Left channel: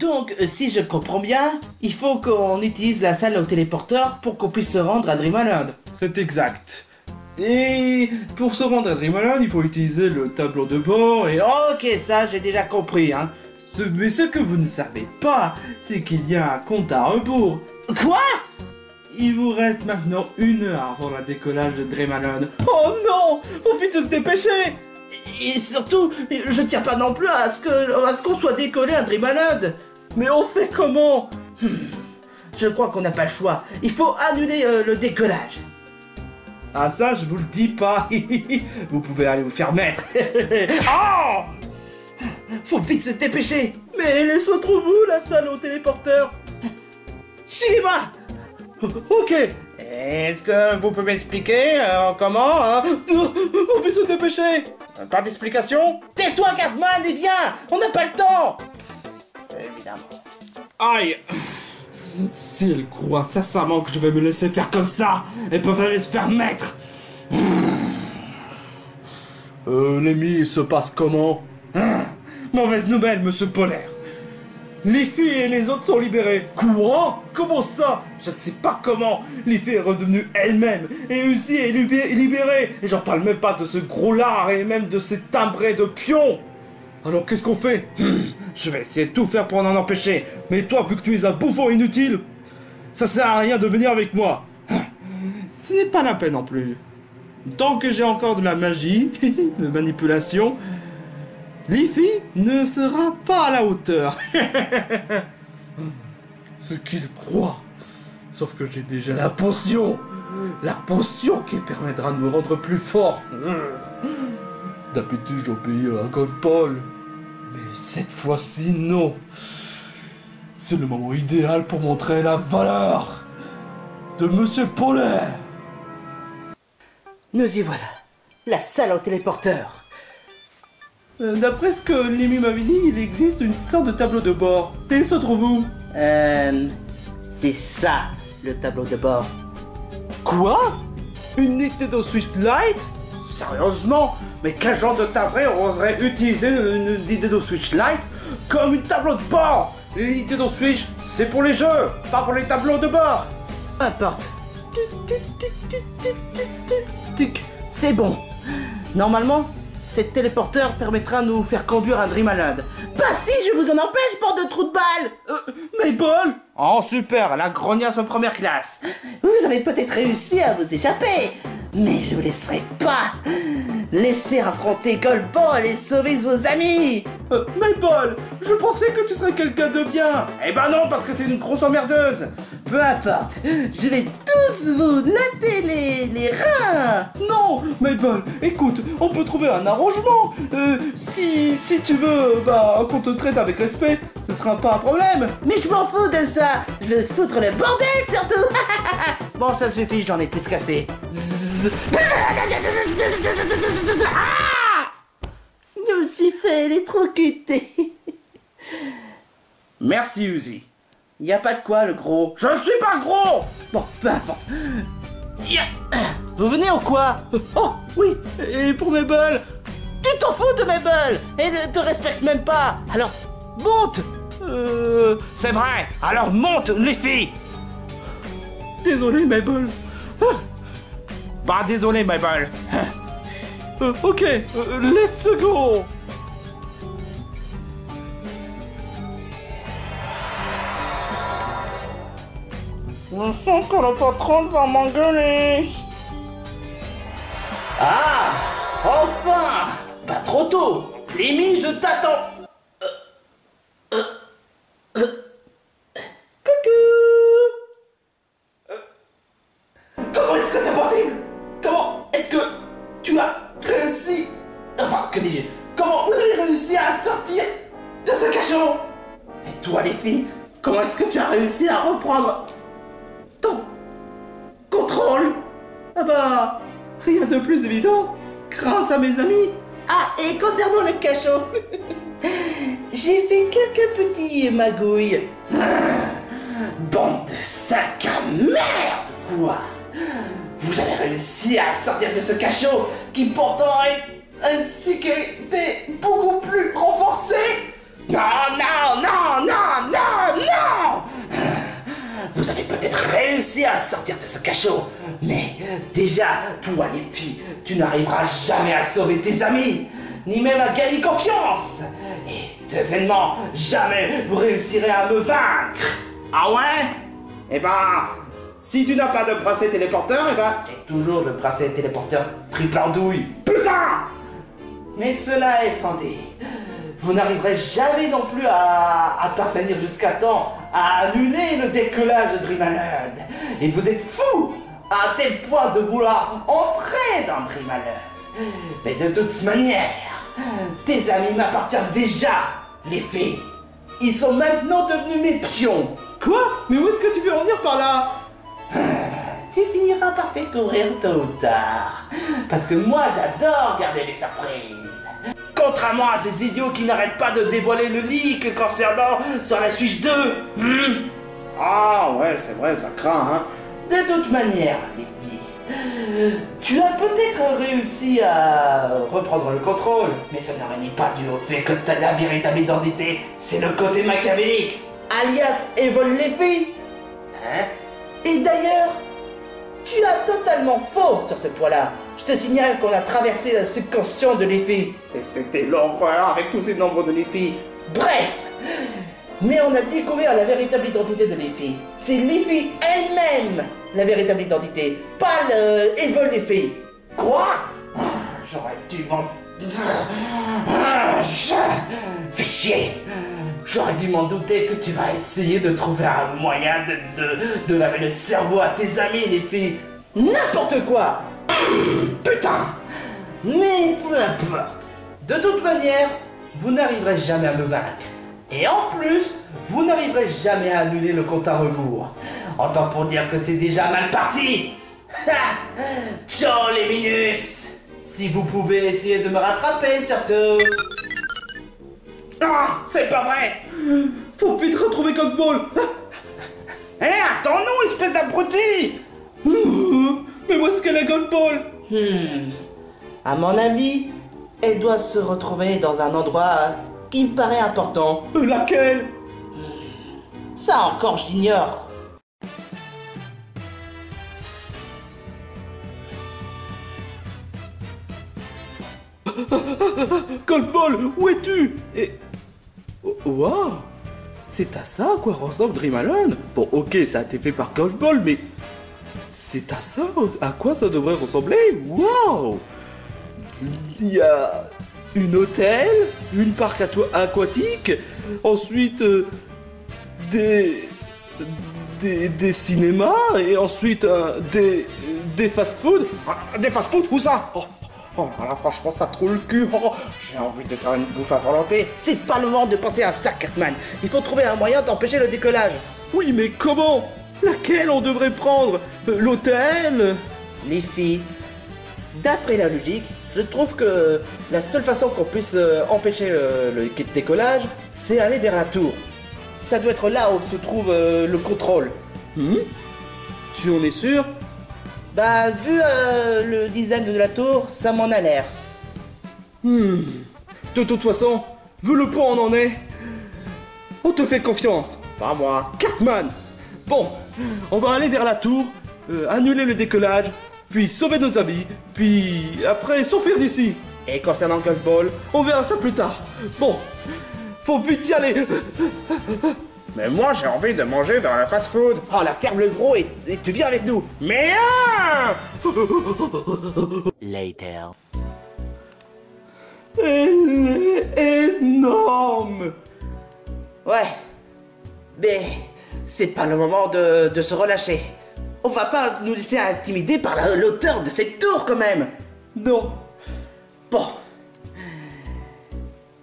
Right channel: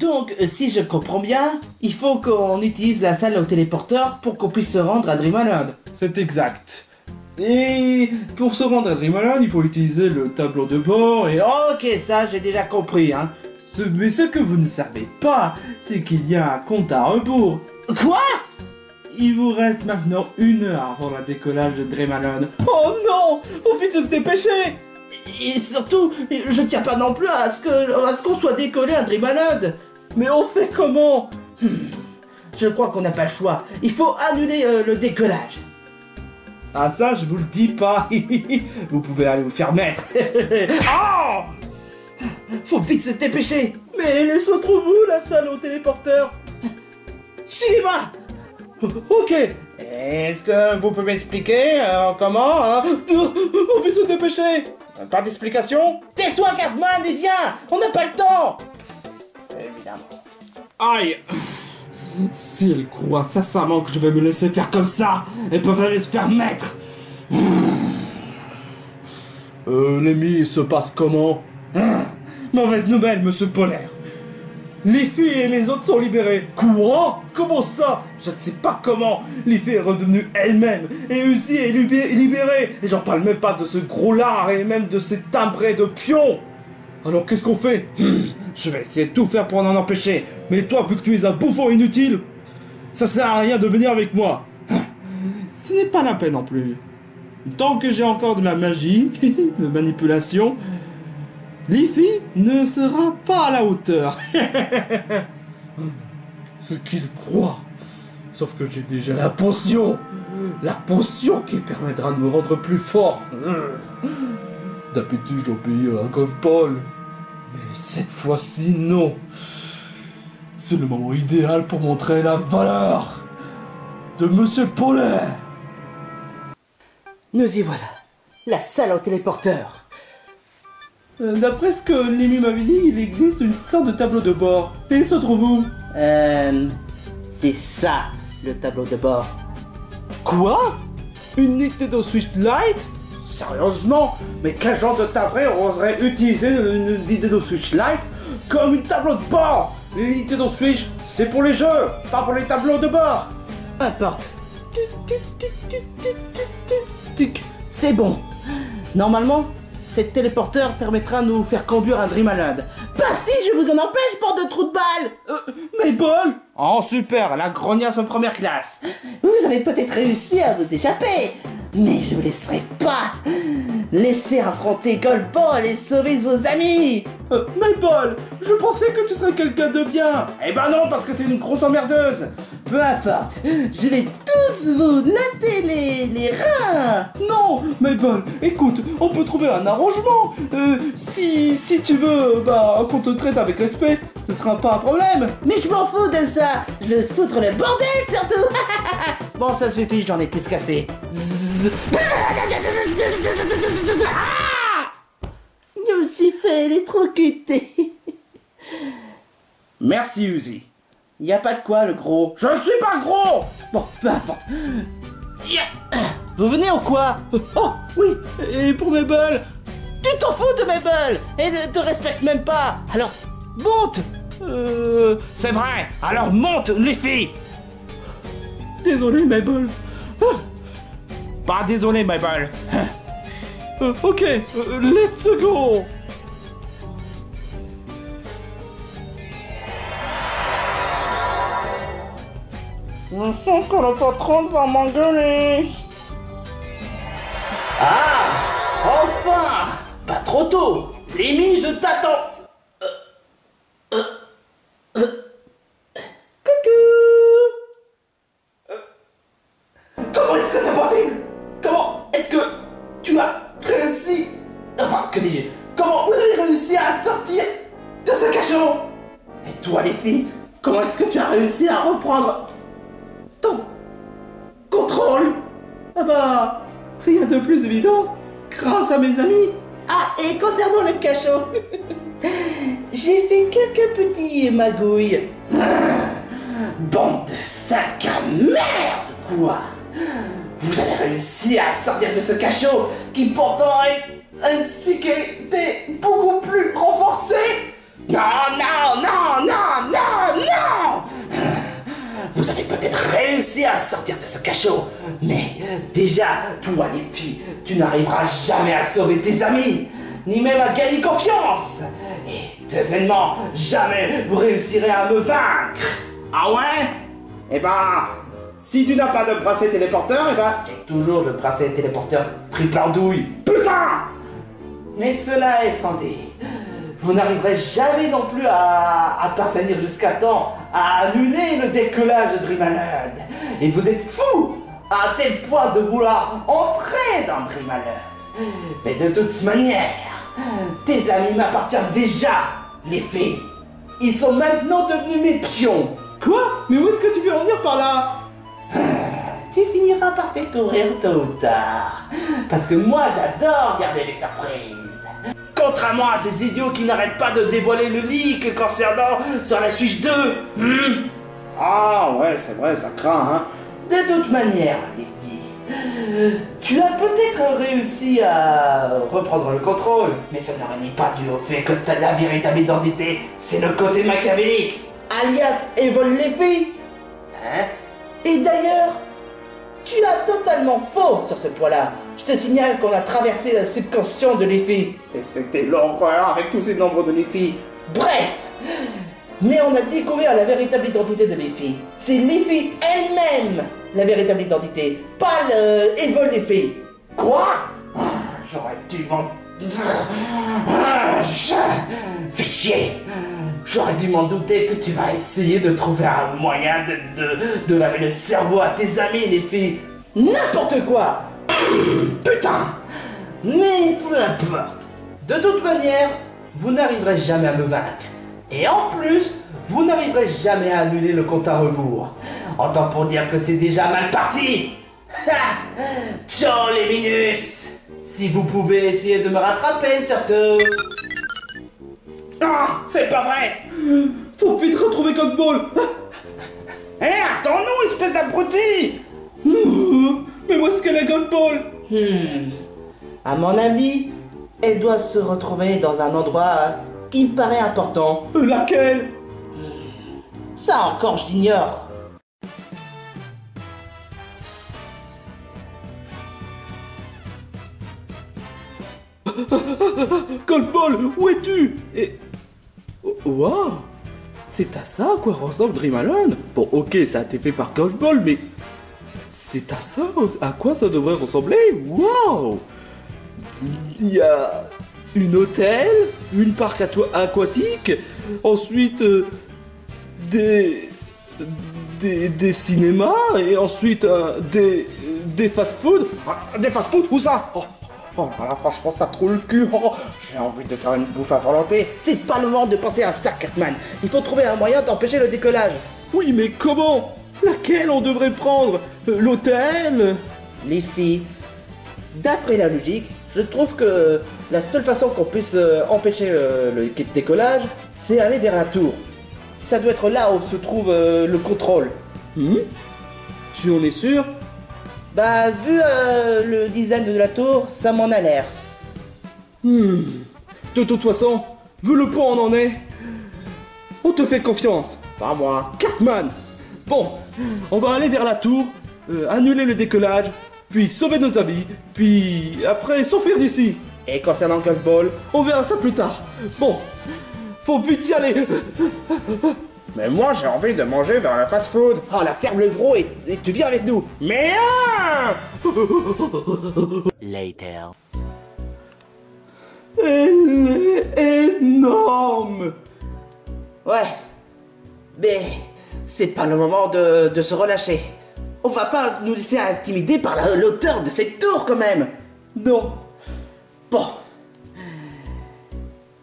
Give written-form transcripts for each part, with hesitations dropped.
Donc, si je comprends bien, il faut qu'on utilise la salle au téléporteur pour qu'on puisse se rendre à Dreamland. C'est exact. Et pour se rendre à Dreamland, il faut utiliser le tableau de bord et... Ok, ça j'ai déjà compris, hein. Mais ce que vous ne savez pas, c'est qu'il y a un compte à rebours. Quoi? Il vous reste maintenant 1 heure avant le décollage de Dreamland. Oh non! Faut vite se dépêcher! Et surtout, je tiens pas non plus à ce qu'on soit décollé à Dreamland. Mais on fait comment? Je crois qu'on n'a pas le choix. Il faut annuler le décollage. Ah ça, je vous le dis pas. Vous pouvez aller vous faire mettre. Oh! Faut vite se dépêcher. Mais elle se trouve où la salle au téléporteur? Suivez-moi. Ok. Est-ce que vous pouvez m'expliquer comment hein? On va se dépêcher. Pas d'explication? Tais-toi, Cartman, et viens. On n'a pas le temps. Évidemment. Aïe. Si elle croit sincèrement que je vais me laisser faire comme ça, elles peuvent aller se faire mettre. L'ennemi, il se passe comment? Mauvaise nouvelle, monsieur Polaire. Les filles et les autres sont libérés. Quoi? Comment ça? Je ne sais pas comment. Les filles est redevenue elle-même. Et Uzi est libérée. Et j'en parle même pas de ce gros lard et même de ces timbrés de pions. Alors qu'est-ce qu'on fait? Je vais essayer de tout faire pour en empêcher. Mais toi, vu que tu es un bouffon inutile, ça sert à rien de venir avec moi. Ce n'est pas la peine non plus. Tant que j'ai encore de la magie, de manipulation, Leafy ne sera pas à la hauteur. Ce qu'il croit. Sauf que j'ai déjà la potion. La potion qui permettra de me rendre plus fort. D'habitude, j'obéis à un golf ball. Mais cette fois-ci, non. C'est le moment idéal pour montrer la valeur de Monsieur Polaire. Nous y voilà. La salle au téléporteur. D'après ce que Lémi m'avait dit, il existe une sorte de tableau de bord. Et il se trouve où? C'est ça, le tableau de bord. Quoi? Une Nintendo Switch Lite? Sérieusement? Mais quel genre de tabré oserait utiliser une Nintendo Switch Lite comme une tableau de bord? Les Nintendo Switch, c'est pour les jeux, pas pour les tableaux de bord. Peu importe. C'est bon. Normalement, cette téléporteur permettra de nous faire conduire à Dreamland. Bah si, je vous en empêche, bande de trous de balles. Mabel! Oh super, la grognasse en première classe. Vous avez peut-être réussi à vous échapper, mais je vous laisserai pas. Laissez affronter Goldball et sauver vos amis. Mabel, je pensais que tu serais quelqu'un de bien. Eh ben non, parce que c'est une grosse emmerdeuse. Peu importe, je vais tous vous latter les reins. Non, Mabel, écoute, on peut trouver un arrangement. Si tu veux, bah, qu'on te traite avec respect, ce sera pas un problème. Mais je m'en fous de ça. Je veux foutre le bordel surtout. Bon, ça suffit, j'en ai plus qu'assez. Je me suis fait électrocuter. Merci, Uzi. Y a pas de quoi, le gros. Je suis pas gros. Bon, peu importe. Vous venez ou quoi? Oh, oui, et pour Mabel? Tu t'en fous de Mabel. Elle ne te respecte même pas. Alors, monte. C'est vrai. Alors monte, les filles. Désolé, Mabel. Pas désolé, Mabel. Ok, let's go. Je sens que le patron va m'engueuler. Ah, enfin. Pas trop tôt. Lémi, je t'attends. Coucou. Comment est-ce que c'est possible? Comment est-ce que tu as réussi? Enfin, que dis-je? Comment vous avez réussi à sortir de ce cachot? Et toi, les filles, comment est-ce que tu as réussi à reprendre ton contrôle? Ah bah, rien de plus évident, grâce à mes amis. Ah, et concernant le cachot, j'ai fait quelques petits magouilles. Bande de sacs à merde, quoi. Vous avez réussi à sortir de ce cachot qui pourtant a une sécurité beaucoup plus renforcée. Non, non, non, non, non. réussi à sortir de ce cachot. Mais déjà, toi les filles, tu n'arriveras jamais à sauver tes amis, ni même à gagner confiance. Et deuxièmement, jamais vous réussirez à me vaincre. Ah ouais? Eh ben, si tu n'as pas de bracelet téléporteur, eh ben, j'ai toujours le bracelet téléporteur triple andouille. Putain! Mais cela étant dit, vous n'arriverez jamais non plus à parvenir jusqu'à temps à annuler le décollage de Dream Island. Et vous êtes fous à tel point de vouloir entrer dans Dream Island. Mais de toute manière, tes amis m'appartiennent déjà, les fées. Ils sont maintenant devenus mes pions. Quoi? Mais où est-ce que tu veux en venir par là? Tu finiras par découvrir tôt ou tard. Parce que moi, j'adore garder les surprises. Contrairement à ces idiots qui n'arrêtent pas de dévoiler le leak concernant sur la Switch 2. Ah ouais, c'est vrai, ça craint, hein. De toute manière, les filles, tu as peut-être réussi à reprendre le contrôle, mais ça ne renie pas dû au fait que la véritable identité, c'est le côté machiavélique, alias Evol les filles. Hein? Et d'ailleurs, tu as totalement faux sur ce point-là. Je te signale qu'on a traversé le subconscient de l'effet. Et c'était l'horreur avec tous ces nombres de l'effet. Bref, mais on a découvert la véritable identité de l'effet. C'est l'effet elle-même, la véritable identité, pas le Evol l'effet. Quoi? J'aurais dû m'en... Fais chier. J'aurais dû m'en douter que tu vas essayer de trouver un moyen de laver le cerveau à tes amis, les filles. N'importe quoi. Putain. Mais peu importe. De toute manière, vous n'arriverez jamais à me vaincre. Et en plus, vous n'arriverez jamais à annuler le compte à rebours. Autant pour dire que c'est déjà mal parti. Ha. Ciao les minus. Si vous pouvez essayer de me rattraper, surtout. Ah, c'est pas vrai. Faut vite retrouver Golfball. Hé, attends-nous, espèce d'abruti. Mais où est-ce qu'elle est Golfball? À mon avis, elle doit se retrouver dans un endroit qui me paraît important. Laquelle? Ça encore, je l'ignore. Golfball, où es-tu? Et... Waouh! C'est à ça à quoi ressemble Dream Island? Bon, ok, ça a été fait par Golfball, mais... C'est à ça à quoi ça devrait ressembler? Waouh! Il y a... une hôtel, une parc aquatique, ensuite... des cinémas, et ensuite des fast-food. Des fast-food, où ça? Oh là là, franchement, ça trouve le cul. Oh, j'ai envie de faire une bouffe à volonté. C'est pas le moment de penser à ça, Cartman. Il faut trouver un moyen d'empêcher le décollage. Oui, mais comment? Laquelle on devrait prendre? L'hôtel? Les filles, d'après la logique, je trouve que la seule façon qu'on puisse empêcher le décollage, c'est aller vers la tour. Ça doit être là où se trouve le contrôle. Tu en es sûr? Bah, vu le design de la tour, ça m'en a l'air. De toute façon, vu le point où on en est, on te fait confiance. Pas moi. Cartman! Bon, on va aller vers la tour, annuler le décollage, puis sauver nos amis, puis après s'enfuir d'ici. Et concernant Golfball, on verra ça plus tard. Bon, faut vite y aller. Mais moi j'ai envie de manger vers la fast-food. Oh, la ferme le gros et tu viens avec nous. Mais Later. Elle est énorme. Ouais. Mais c'est pas le moment de se relâcher. On va pas nous laisser intimider par l'auteur de cette tour quand même. Non. Bon.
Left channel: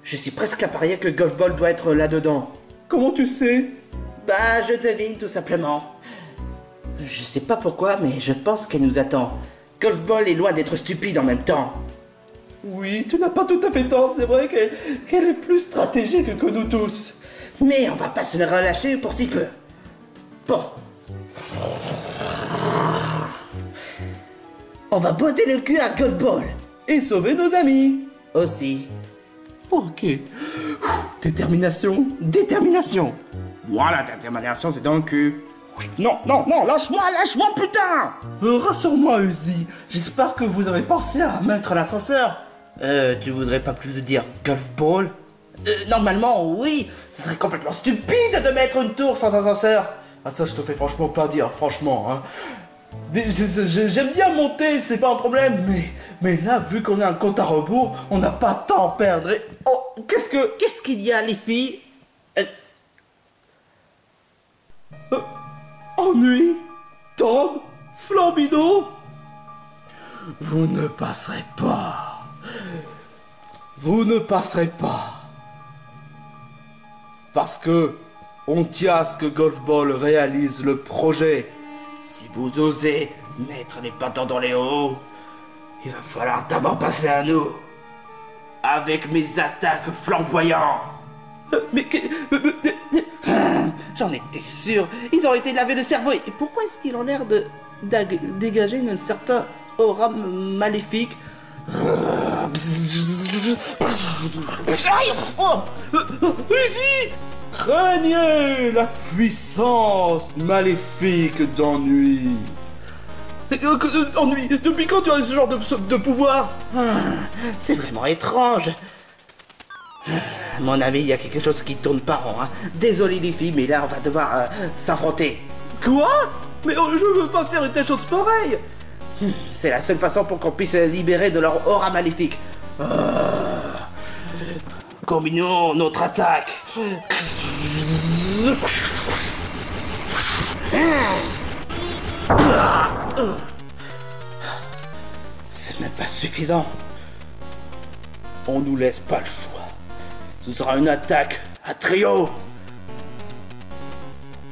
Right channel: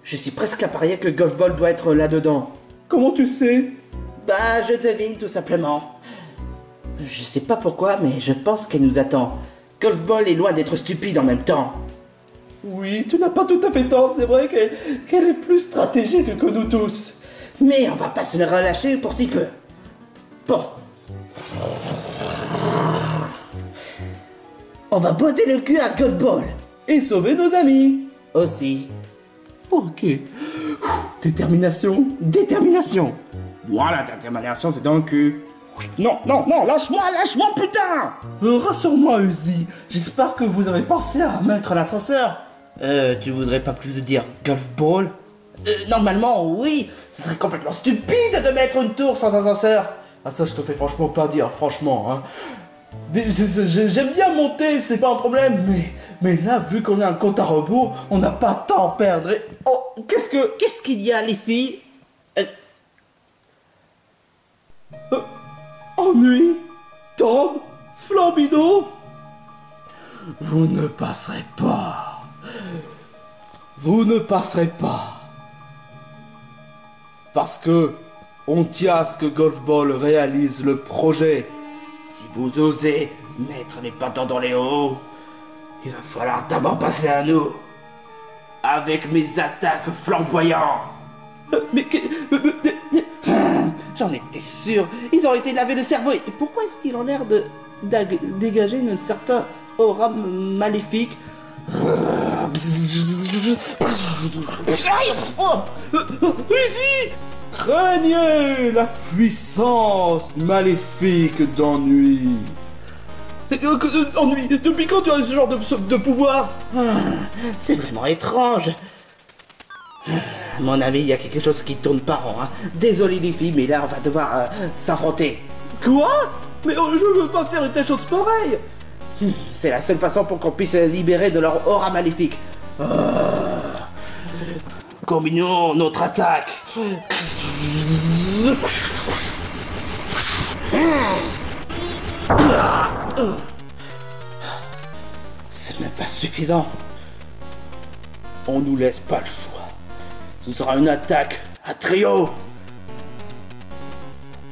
Je suis presque à parier que Golfball doit être là-dedans. Comment tu sais? Bah, je devine tout simplement. Je sais pas pourquoi, mais je pense qu'elle nous attend. Golfball est loin d'être stupide en même temps. Oui, tu n'as pas tout à fait tort, c'est vrai qu'elle est plus stratégique que nous tous. Mais on va pas se relâcher pour si peu. Bon. On va botter le cul à Golfball. Et sauver nos amis. Aussi. Ok. Détermination. Détermination. Moi, la détermination, c'est dans le cul. Non, non, non, lâche-moi, putain! Rassure-moi, Uzi. J'espère que vous avez pensé à mettre l'ascenseur. Tu voudrais pas plus dire golf ball? Normalement, oui. Ce serait complètement stupide de mettre une tour sans ascenseur. Ah ça, je te fais franchement pas dire, franchement, hein. J'aime bien monter, c'est pas un problème, mais là, vu qu'on a un compte à rebours, on n'a pas de temps à perdre. Et... Oh, Qu'est-ce qu'il y a, les filles? Ennui, Tom, Flambino, vous ne passerez pas. Vous ne passerez pas. Parce que on tient à ce que Golf Ball réalise le projet. Si vous osez mettre les patins dans les hauts, il va falloir d'abord passer à nous. Avec mes attaques flamboyantes. J'en étais sûr. Ils ont été lavés le cerveau. Et pourquoi est-ce qu'ils ont l'air de dégager un certain aura maléfique? Uzi, craignez la puissance maléfique d'ennui. Ennui, depuis quand tu as ce genre de pouvoir? C'est vraiment étrange. À mon avis, il y a quelque chose qui tourne pas rond. Hein. Désolé les filles, mais là on va devoir s'affronter. Quoi? Mais je veux pas faire une telle chose pareille. C'est la seule façon pour qu'on puisse se libérer de leur aura maléfique. Combinons notre attaque. C'est même pas suffisant. On nous laisse pas le choix. Ce sera une attaque à trio.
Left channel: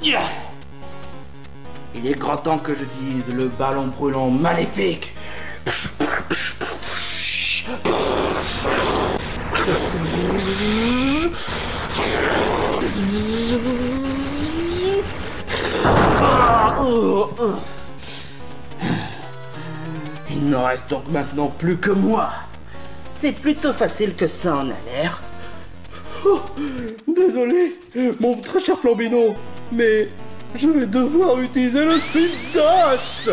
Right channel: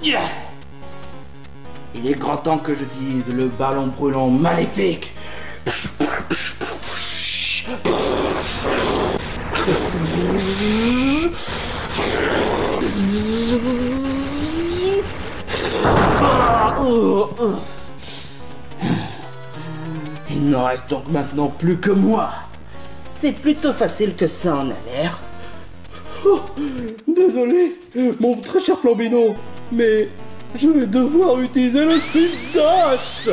Il est grand temps que je dise le ballon brûlant maléfique. Il ne reste donc maintenant plus que moi. C'est plutôt facile que ça en a l'air. Oh, désolé, mon très cher Flambino, mais je vais devoir utiliser le speed dash.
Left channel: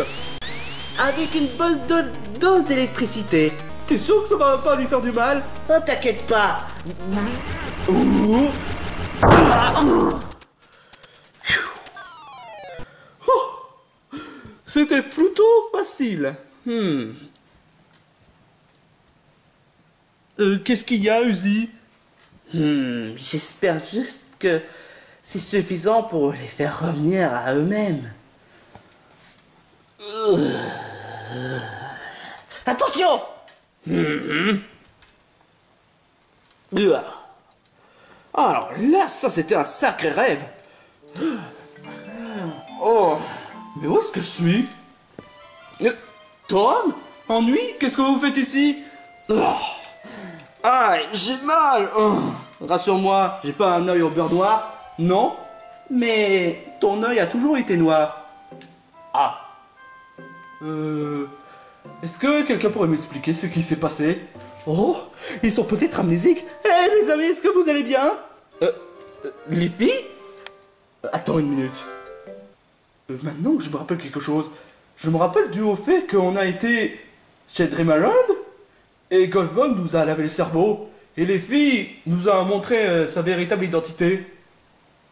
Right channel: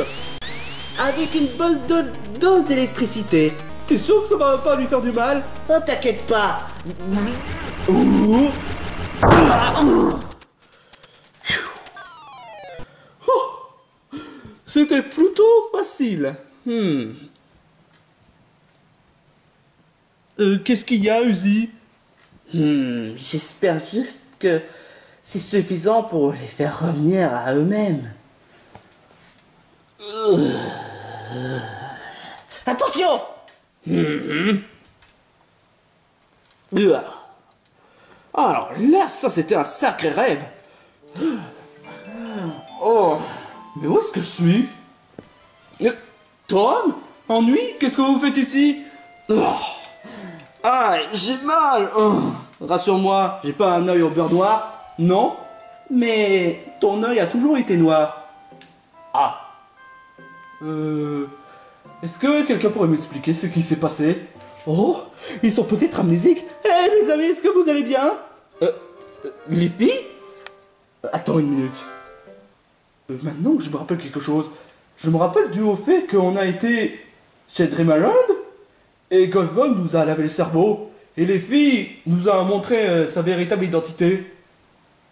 Avec une bonne dose d'électricité. T'es sûr que ça va pas lui faire du mal? Oh, t'inquiète pas. Oh, c'était plutôt facile. Qu'est-ce qu'il y a, Uzi? J'espère juste que c'est suffisant pour les faire revenir à eux-mêmes. Attention! Alors là, ça c'était un sacré rêve. Oh, mais où est-ce que je suis? Tom? Ennui? Qu'est-ce que vous faites ici? Ah, j'ai mal. Rassure-moi, j'ai pas un œil au beurre noir. Non? Mais ton œil a toujours été noir. Ah. Est-ce que quelqu'un pourrait m'expliquer ce qui s'est passé? Oh, ils sont peut-être amnésiques. Eh les amis, est-ce que vous allez bien? Les filles? Attends une minute. Maintenant que je me rappelle quelque chose, je me rappelle du au fait qu'on a été chez Dreamland et Golfball nous a lavé le cerveau et les filles nous a montré sa véritable identité.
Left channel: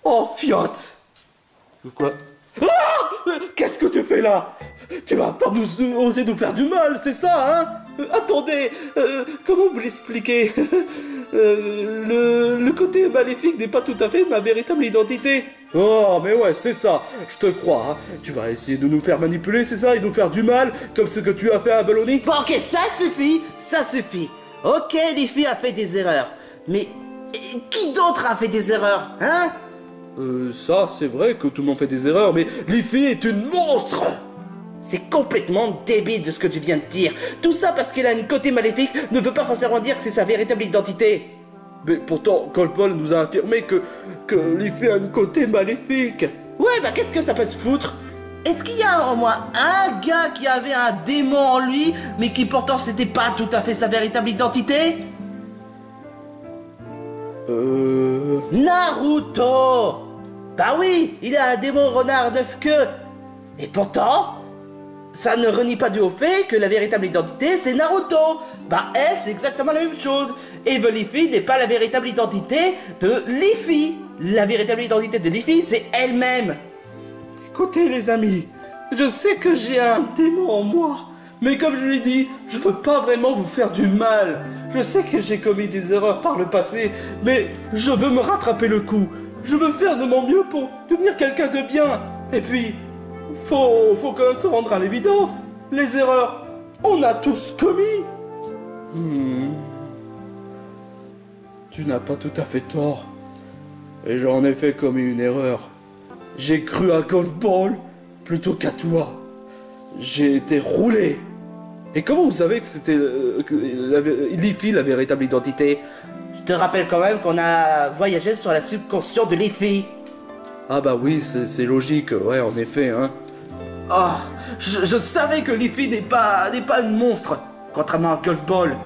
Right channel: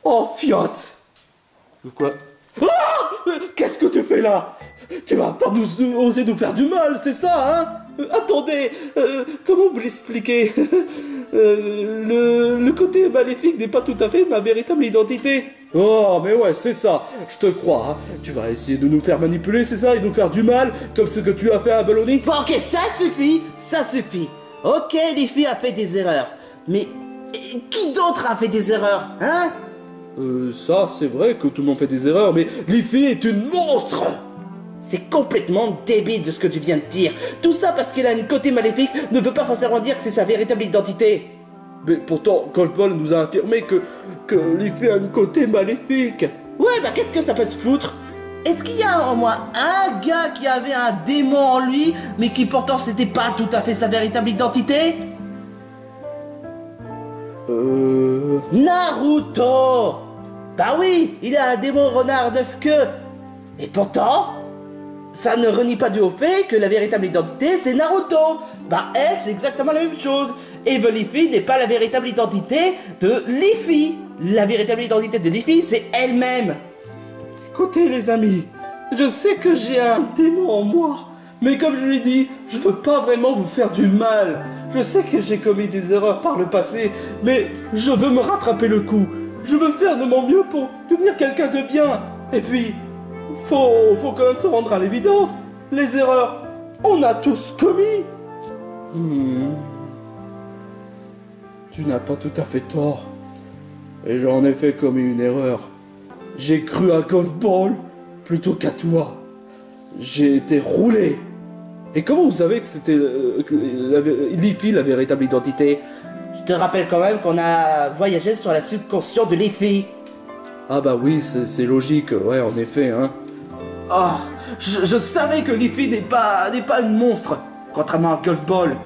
Oh, fiotte! Quoi? Qu'est-ce que tu fais là? Tu vas pas oser nous faire du mal, c'est ça, hein? Attendez, comment vous l'expliquer? Le côté maléfique n'est pas tout à fait ma véritable identité. Oh, mais ouais, c'est ça, je te crois. Hein. Tu vas essayer de nous faire manipuler, c'est ça, et nous faire du mal, comme ce que tu as fait à Balloni? Bon, ok, ça suffit. Ok, les filles a fait des erreurs. Mais qui d'autre a fait des erreurs, hein? Ça, c'est vrai que tout le monde fait des erreurs, mais Liffy est une monstre! C'est complètement débile de ce que tu viens de dire. Tout ça parce qu'elle a un côté maléfique ne veut pas forcément dire que c'est sa véritable identité. Mais pourtant, Golfball nous a affirmé que Liffy a un côté maléfique. Ouais, bah qu'est-ce que ça peut se foutre? Est-ce qu'il y a au moins un gars qui avait un démon en lui, mais qui pourtant c'était pas tout à fait sa véritable identité? Naruto! Bah oui, il a un démon renard 9 queues. Et pourtant, ça ne renie pas du au fait que la véritable identité, c'est Naruto. Bah elle, c'est exactement la même chose. Evil Leafy n'est pas la véritable identité de Leafy. La véritable identité de Leafy, c'est elle-même. Écoutez les amis, je sais que j'ai un démon en moi, mais comme je l'ai dit, je veux pas vraiment vous faire du mal. Je sais que j'ai commis des erreurs par le passé, mais je veux me rattraper le coup. Je veux faire de mon mieux pour devenir quelqu'un de bien. Et puis, faut quand même se rendre à l'évidence. Les erreurs, on a tous commis. Tu n'as pas tout à fait tort. Et j'en ai fait commis une erreur. J'ai cru à Golf Ball plutôt qu'à toi. J'ai été roulé. Et comment vous savez que c'était Leafy la véritable identité? Je te rappelle quand même qu'on a voyagé sur la subconscient de Leafy. Ah bah oui, c'est logique, ouais, en effet, hein. Oh, je savais que Leafy n'est pas un monstre, contrairement à Golf Ball.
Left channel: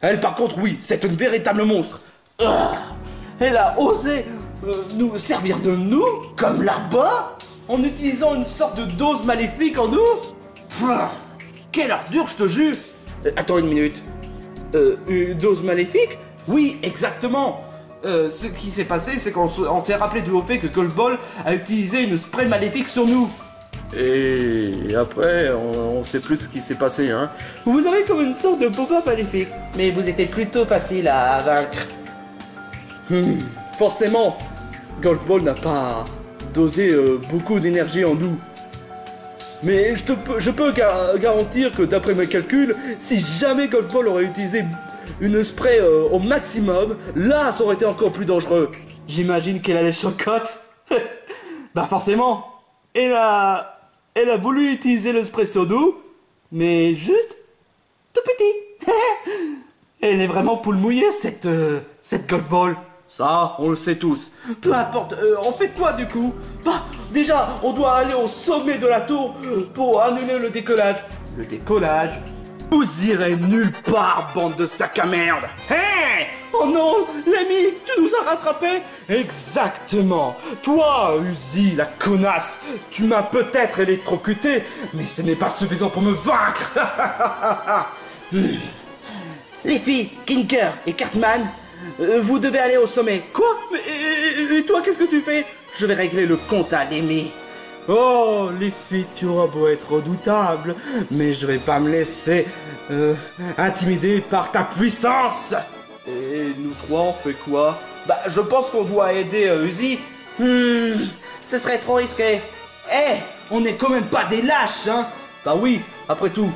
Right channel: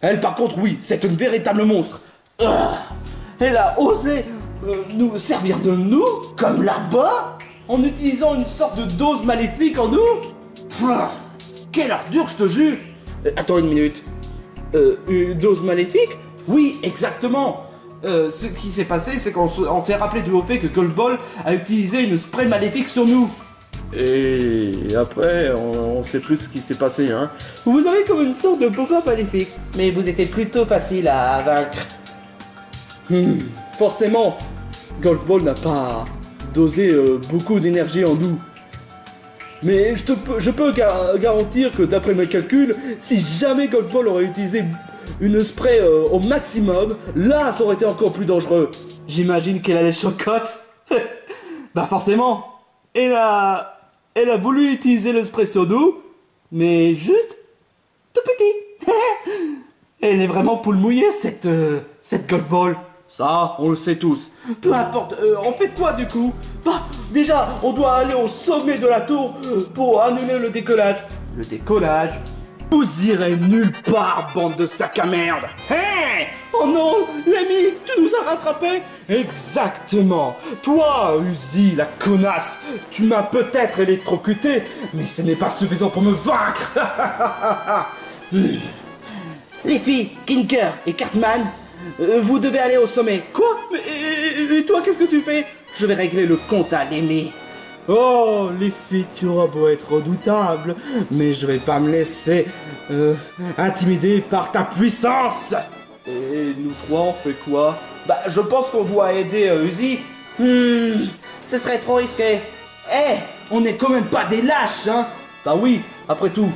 Elle, par contre, oui, c'est une véritable monstre. Elle a osé nous servir de nous, comme là-bas, en utilisant une sorte de dose maléfique en nous. Quelle ordure, je te jure. Attends une minute. Une dose maléfique? Oui, exactement. Ce qui s'est passé, c'est qu'on s'est rappelé du haut fait que Golf Ball a utilisé une spray maléfique sur nous. Et après, on sait plus ce qui s'est passé, hein. Vous avez comme une sorte de pouvoir maléfique, mais vous étiez plutôt facile à vaincre. Forcément, Golf Ball n'a pas dosé beaucoup d'énergie en nous. Mais je peux garantir que d'après mes calculs, si jamais Golf Ball aurait utilisé une spray au maximum, là ça aurait été encore plus dangereux. J'imagine qu'elle a les chocottes. Bah forcément. Elle a voulu utiliser le spray sur nous, mais juste tout petit. Elle est vraiment poule mouillée cette Golf Ball. Ça, on le sait tous. Peu importe, on fait quoi du coup? Bah, déjà, on doit aller au sommet de la tour pour annuler le décollage. Le décollage? Vous irez nulle part, bande de sacs à merde. Hey! Oh non, l'ami, tu nous as rattrapés? Exactement. Toi, Uzi, la connasse, tu m'as peut-être électrocuté, mais ce n'est pas suffisant pour me vaincre. Les filles, Kinker et Cartman, vous devez aller au sommet. Quoi? Et toi, qu'est-ce que tu fais? Je vais régler le compte à Lemmy. Oh, les filles, tu auras beau être redoutable, mais je vais pas me laisser intimider par ta puissance. Et nous trois, on fait quoi? Bah, je pense qu'on doit aider Uzi. Ce serait trop risqué. Eh, on n'est quand même pas des lâches, hein? Bah oui, après tout,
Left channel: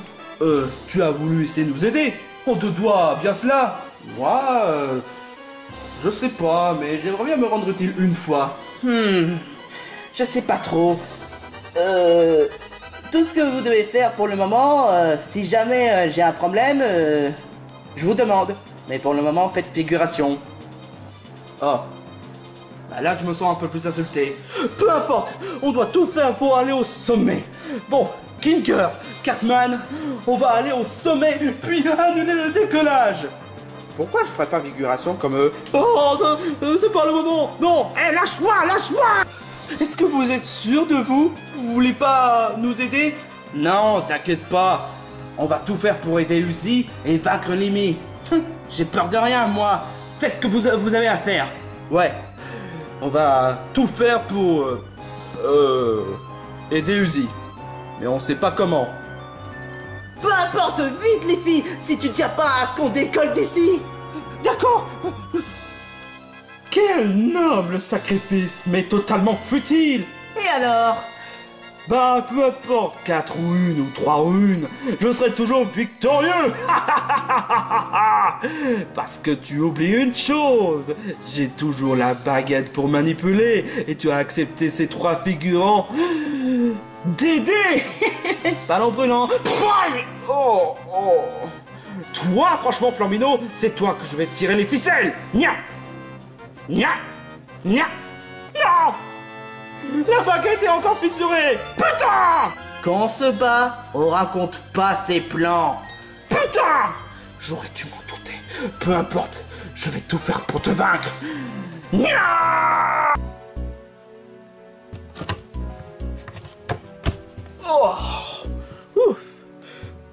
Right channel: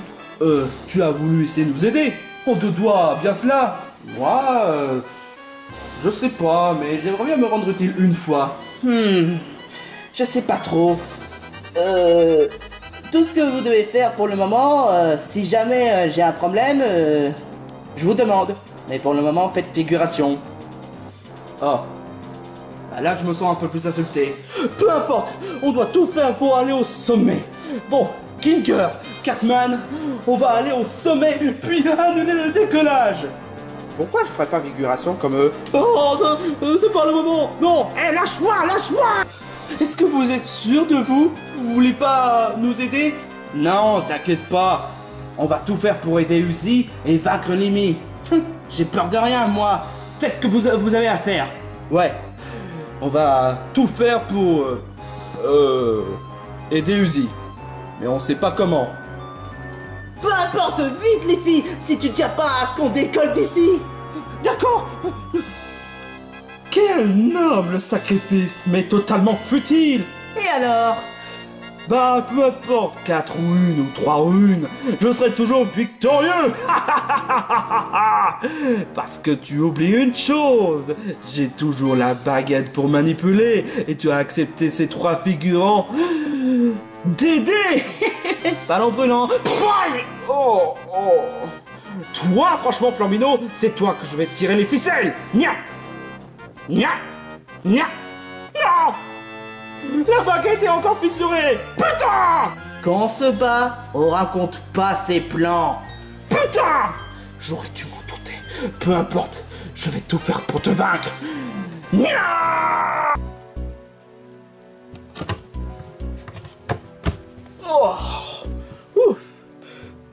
tu as voulu essayer de nous aider. On te doit bien cela. Moi, je sais pas, mais j'aimerais bien me rendre utile une fois. Je sais pas trop. Tout ce que vous devez faire pour le moment, si jamais j'ai un problème, je vous demande. Mais pour le moment, faites figuration. Oh. Bah là, je me sens un peu plus insulté. Peu importe, on doit tout faire pour aller au sommet. Bon, Kinker, Cartman, on va aller au sommet, puis annuler le décollage. Pourquoi je ferais pas figuration comme eux? Oh, c'est pas le moment. Non, lâche-moi, lâche-moi. Est-ce que vous êtes sûr de vous? Vous voulez pas nous aider? Non, t'inquiète pas. On va tout faire pour aider Uzi et vaincre Lemmy. J'ai peur de rien, moi. Faites ce que vous avez à faire. Ouais. On va tout faire pour... aider Uzi. Mais on sait pas comment. Peu importe, vite les filles, si tu tiens pas à ce qu'on décolle d'ici. D'accord. Quel noble sacrifice, mais totalement futile. Et alors? Bah, peu importe, 4 ou 1 ou 3 ou 1, je serai toujours victorieux. Parce que tu oublies une chose, j'ai toujours la baguette pour manipuler, et tu as accepté ces 3 figurants d'aider. Ballon brûlant. Oh. Toi, franchement, Flambino, c'est toi que je vais tirer les ficelles. Nya. Non! La baguette est encore fissurée. Putain! Quand on se bat, on raconte pas ses plans. Putain! J'aurais dû m'en douter. Peu importe, je vais tout faire pour te vaincre. Nya! Oh, ouf.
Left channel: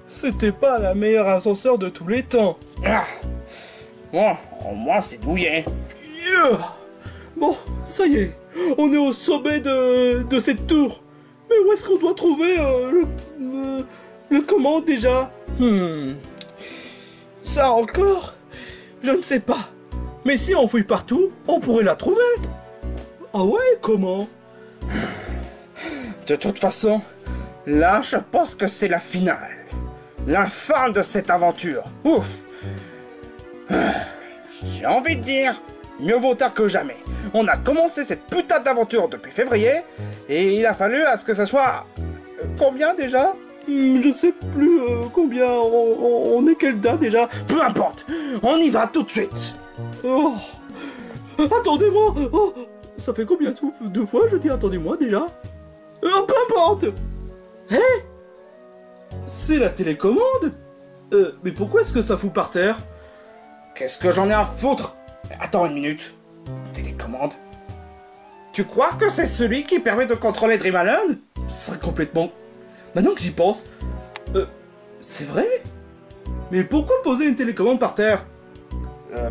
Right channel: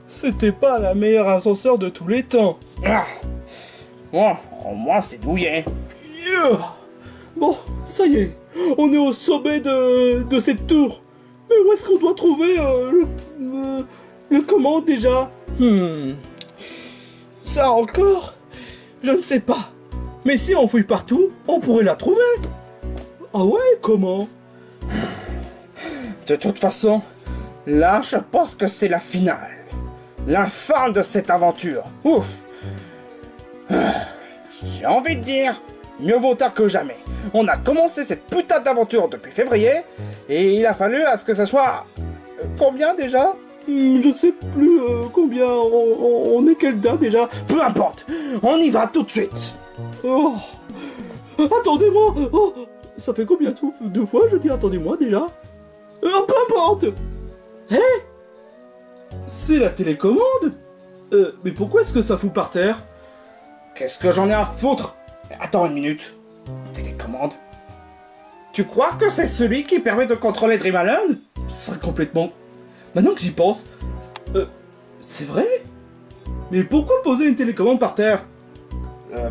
C'était pas la meilleure ascenseur de tous les temps. Ah. Bon, au moins c'est douillet. Yeah. Bon, ça y est, on est au sommet de cette tour. Mais où est-ce qu'on doit trouver le comment déjà? Ça encore, je ne sais pas. Mais si on fouille partout, on pourrait la trouver. Ah ouais, comment? De toute façon, là je pense que c'est la finale. La fin de cette aventure. Ouf. J'ai envie de dire, mieux vaut tard que jamais. On a commencé cette putain d'aventure depuis février, et il a fallu à ce que ça soit... combien déjà? Je sais plus combien, on est quelle date déjà? Peu importe, on y va tout de suite. Oh. Attendez-moi. Oh. Ça fait combien de fois je dis attendez-moi déjà? Peu importe. Hé, c'est la télécommande. Mais pourquoi est-ce que ça fout par terre? Qu'est-ce que j'en ai à foutre? Attends une minute. Télécommande? Tu crois que c'est celui qui permet de contrôler Dream Island? Ce serait complètement... Maintenant que j'y pense... c'est vrai? Mais pourquoi poser une télécommande par terre?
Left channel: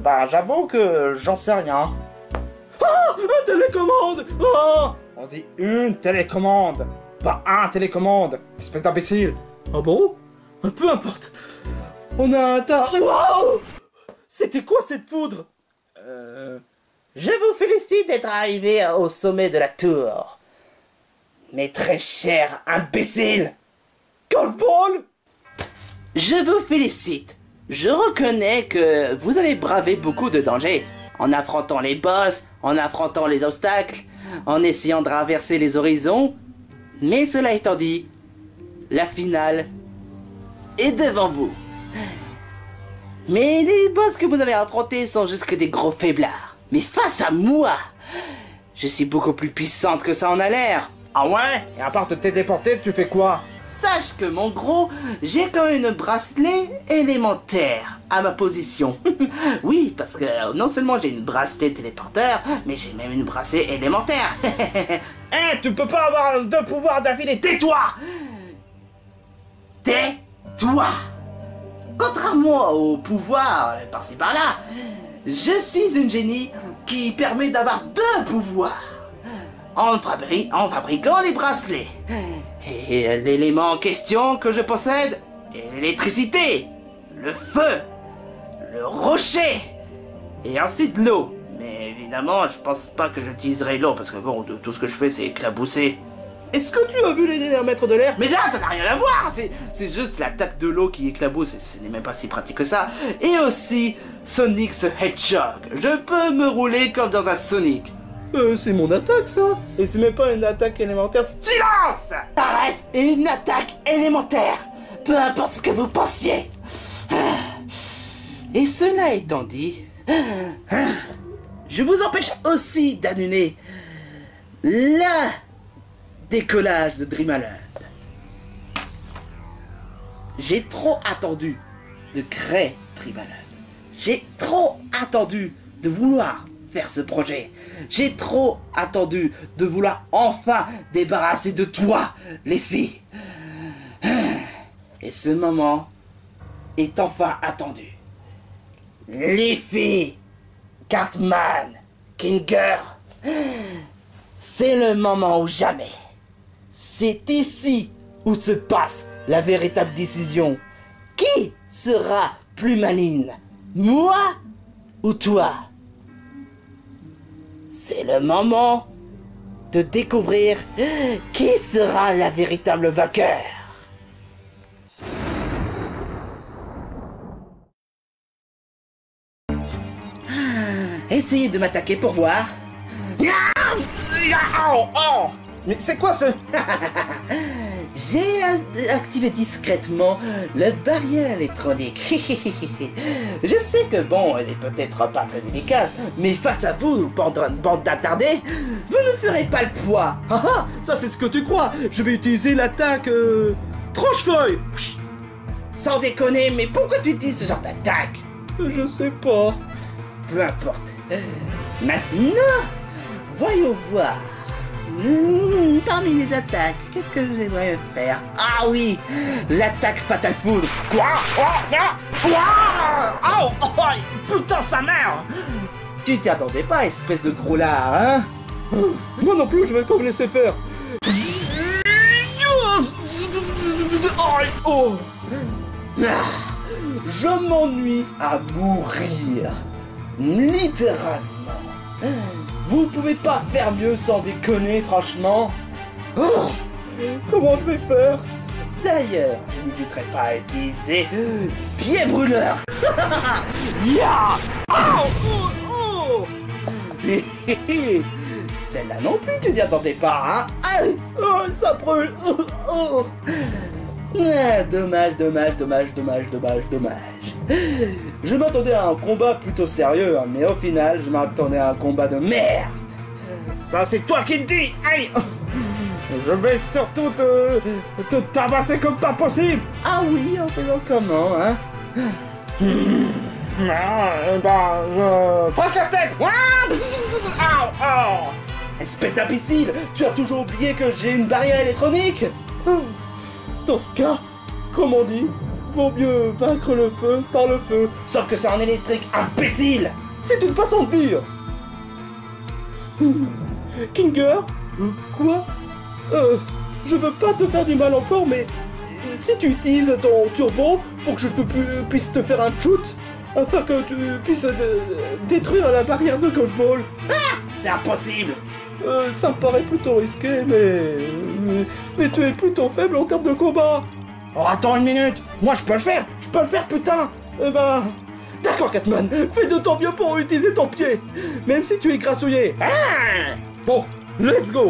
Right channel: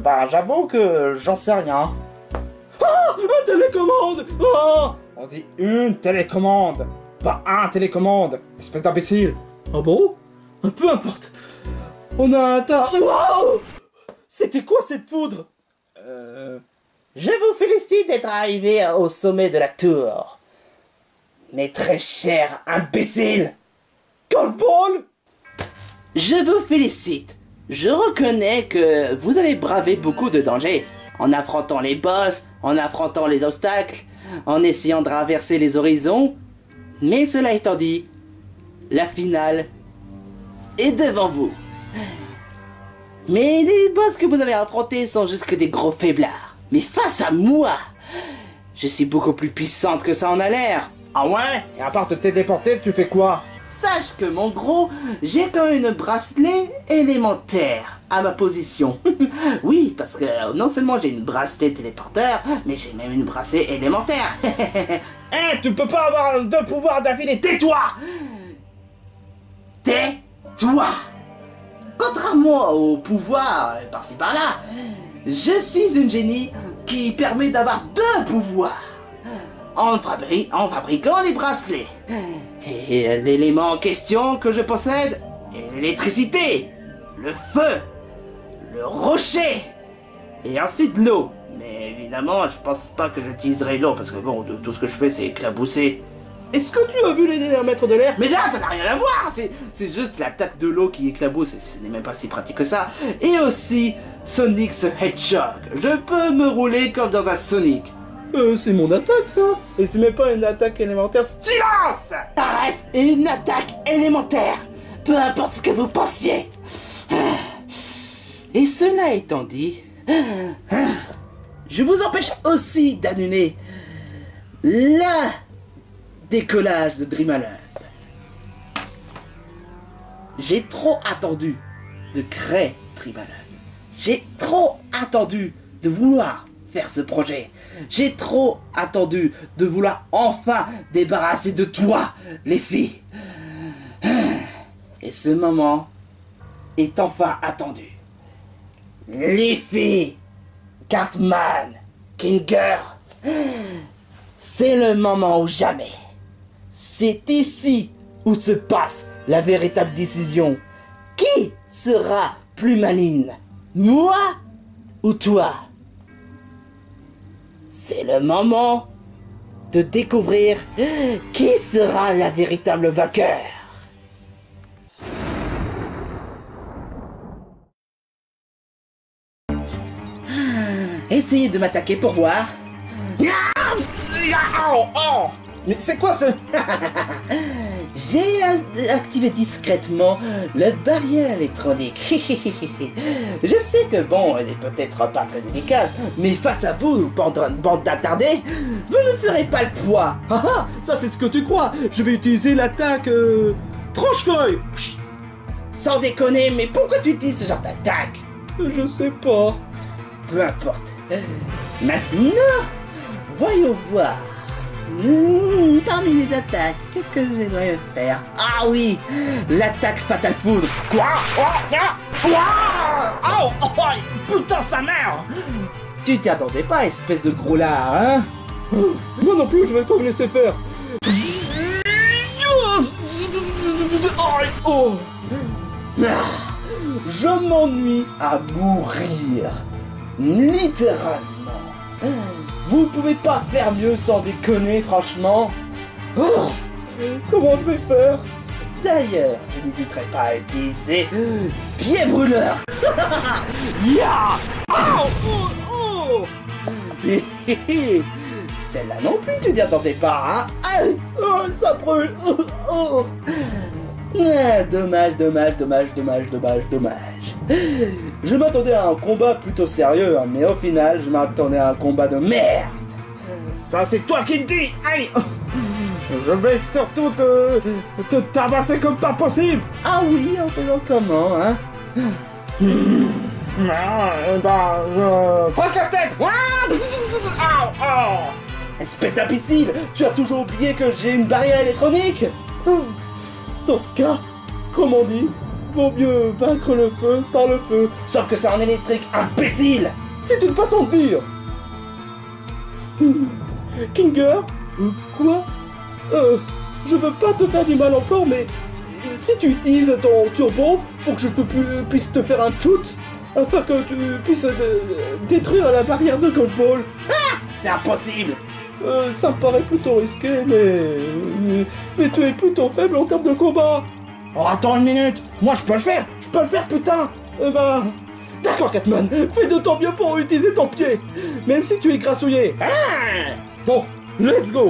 Bah j'avoue que j'en sais rien. Ah! Une télécommande! Ah! On dit une télécommande, pas un télécommande, espèce d'imbécile. Ah bon? Peu importe. On a atteint... Wow! C'était quoi cette foudre? Je vous félicite d'être arrivé au sommet de la tour. Mais très cher imbécile. Golfball! Je vous félicite. Je reconnais que vous avez bravé beaucoup de dangers. En affrontant les boss, en affrontant les obstacles, en essayant de traverser les horizons. Mais cela étant dit, la finale est devant vous. Mais les boss que vous avez affrontés sont juste que des gros faiblards. Mais face à moi, je suis beaucoup plus puissante que ça en a l'air. Ah ouais? Et à part te téléporter, tu fais quoi? Sache que mon gros, j'ai quand même une bracelet élémentaire à ma position. Oui, parce que non seulement j'ai une bracelet téléporteur, mais j'ai même une bracelet élémentaire. Hein, tu peux pas avoir deux pouvoirs d'affilée, tais-toi! Tais-toi! Contrairement au pouvoir par-ci par-là, je suis une génie qui permet d'avoir deux pouvoirs. En fabriquant les bracelets. Et l'élément en question que je possède est l'électricité, le feu, le rocher, et ensuite l'eau. Mais évidemment, je pense pas que j'utiliserai l'eau, parce que bon, tout ce que je fais, c'est éclabousser. Est-ce que tu as vu les maîtres de l'air? Mais là, ça n'a rien à voir. C'est juste l'attaque de l'eau qui éclabousse, et ce n'est même pas si pratique que ça. Et aussi, Sonic the Hedgehog. Je peux me rouler comme dans un Sonic. C'est mon attaque, ça. Et c'est même pas une attaque élémentaire. Silence! Ça reste une attaque élémentaire, peu importe ce que vous pensiez. Et cela étant dit, je vous empêche aussi d'annuler le décollage de Dream Island. J'ai trop attendu de créer Dream Island. J'ai trop attendu de vouloir faire ce projet. J'ai trop attendu de vouloir enfin débarrasser de toi, les filles. Et ce moment est enfin attendu. Les filles, Cartman, Kinger, c'est le moment ou jamais. C'est ici où se passe la véritable décision. Qui sera plus maligne, moi ou toi? C'est le moment de découvrir qui sera la véritable vainqueur. Essayez de m'attaquer pour voir. Mais c'est quoi ce... J'ai activé discrètement la barrière électronique. Je sais que bon, elle est peut-être pas très efficace, mais face à vous, bande d'attardés, vous ne ferez pas le poids. Ah ah, ça c'est ce que tu crois. Je vais utiliser l'attaque tranche-feuille. Sans déconner, mais pourquoi tu utilises ce genre d'attaque? Je sais pas. Peu importe. Maintenant, voyons voir. parmi les attaques, qu'est-ce que je devrais faire? Ah oui, l'attaque Fatal Foudre. Quoi? Oh, putain, sa mère! Tu t'y attendais pas, espèce de gros lard, hein? Moi non plus, je vais pas me laisser faire. Oh. Je m'ennuie à mourir. Littéralement. Vous pouvez pas faire mieux sans déconner, franchement. Oh. Comment je vais faire? D'ailleurs, je n'hésiterai pas à utiliser pied brûleur. Ya! Oh. Celle-là non plus, tu t'y attendais pas, hein? Oh, ça brûle. Oh. Ah, dommage. Je m'attendais à un combat plutôt sérieux, hein, mais au final, je m'attendais à un combat de merde. Ça, c'est toi qui me dis. Aïe. Je vais surtout te tabasser comme pas possible. Ah oui, en faisant comment, hein? Je... Franck la tête. Espèce d'imbécile, tu as toujours oublié que j'ai une barrière électronique? Dans ce cas, comme on dit, vaut mieux vaincre le feu par le feu. Sauf que c'est en électrique, imbécile! C'est une façon de dire. Kinger? Quoi? Je veux pas te faire du mal encore, mais si tu utilises ton turbo pour que je puisse te faire un shoot, afin que tu puisses détruire la barrière de golf ball. Ah! C'est impossible! Ça me paraît plutôt risqué, mais tu es plutôt faible en termes de combat. Oh, attends une minute! Moi, je peux le faire, putain! D'accord, Catman, fais de ton mieux pour utiliser ton pied, même si tu es grassouillé. Ah! Bon, let's go.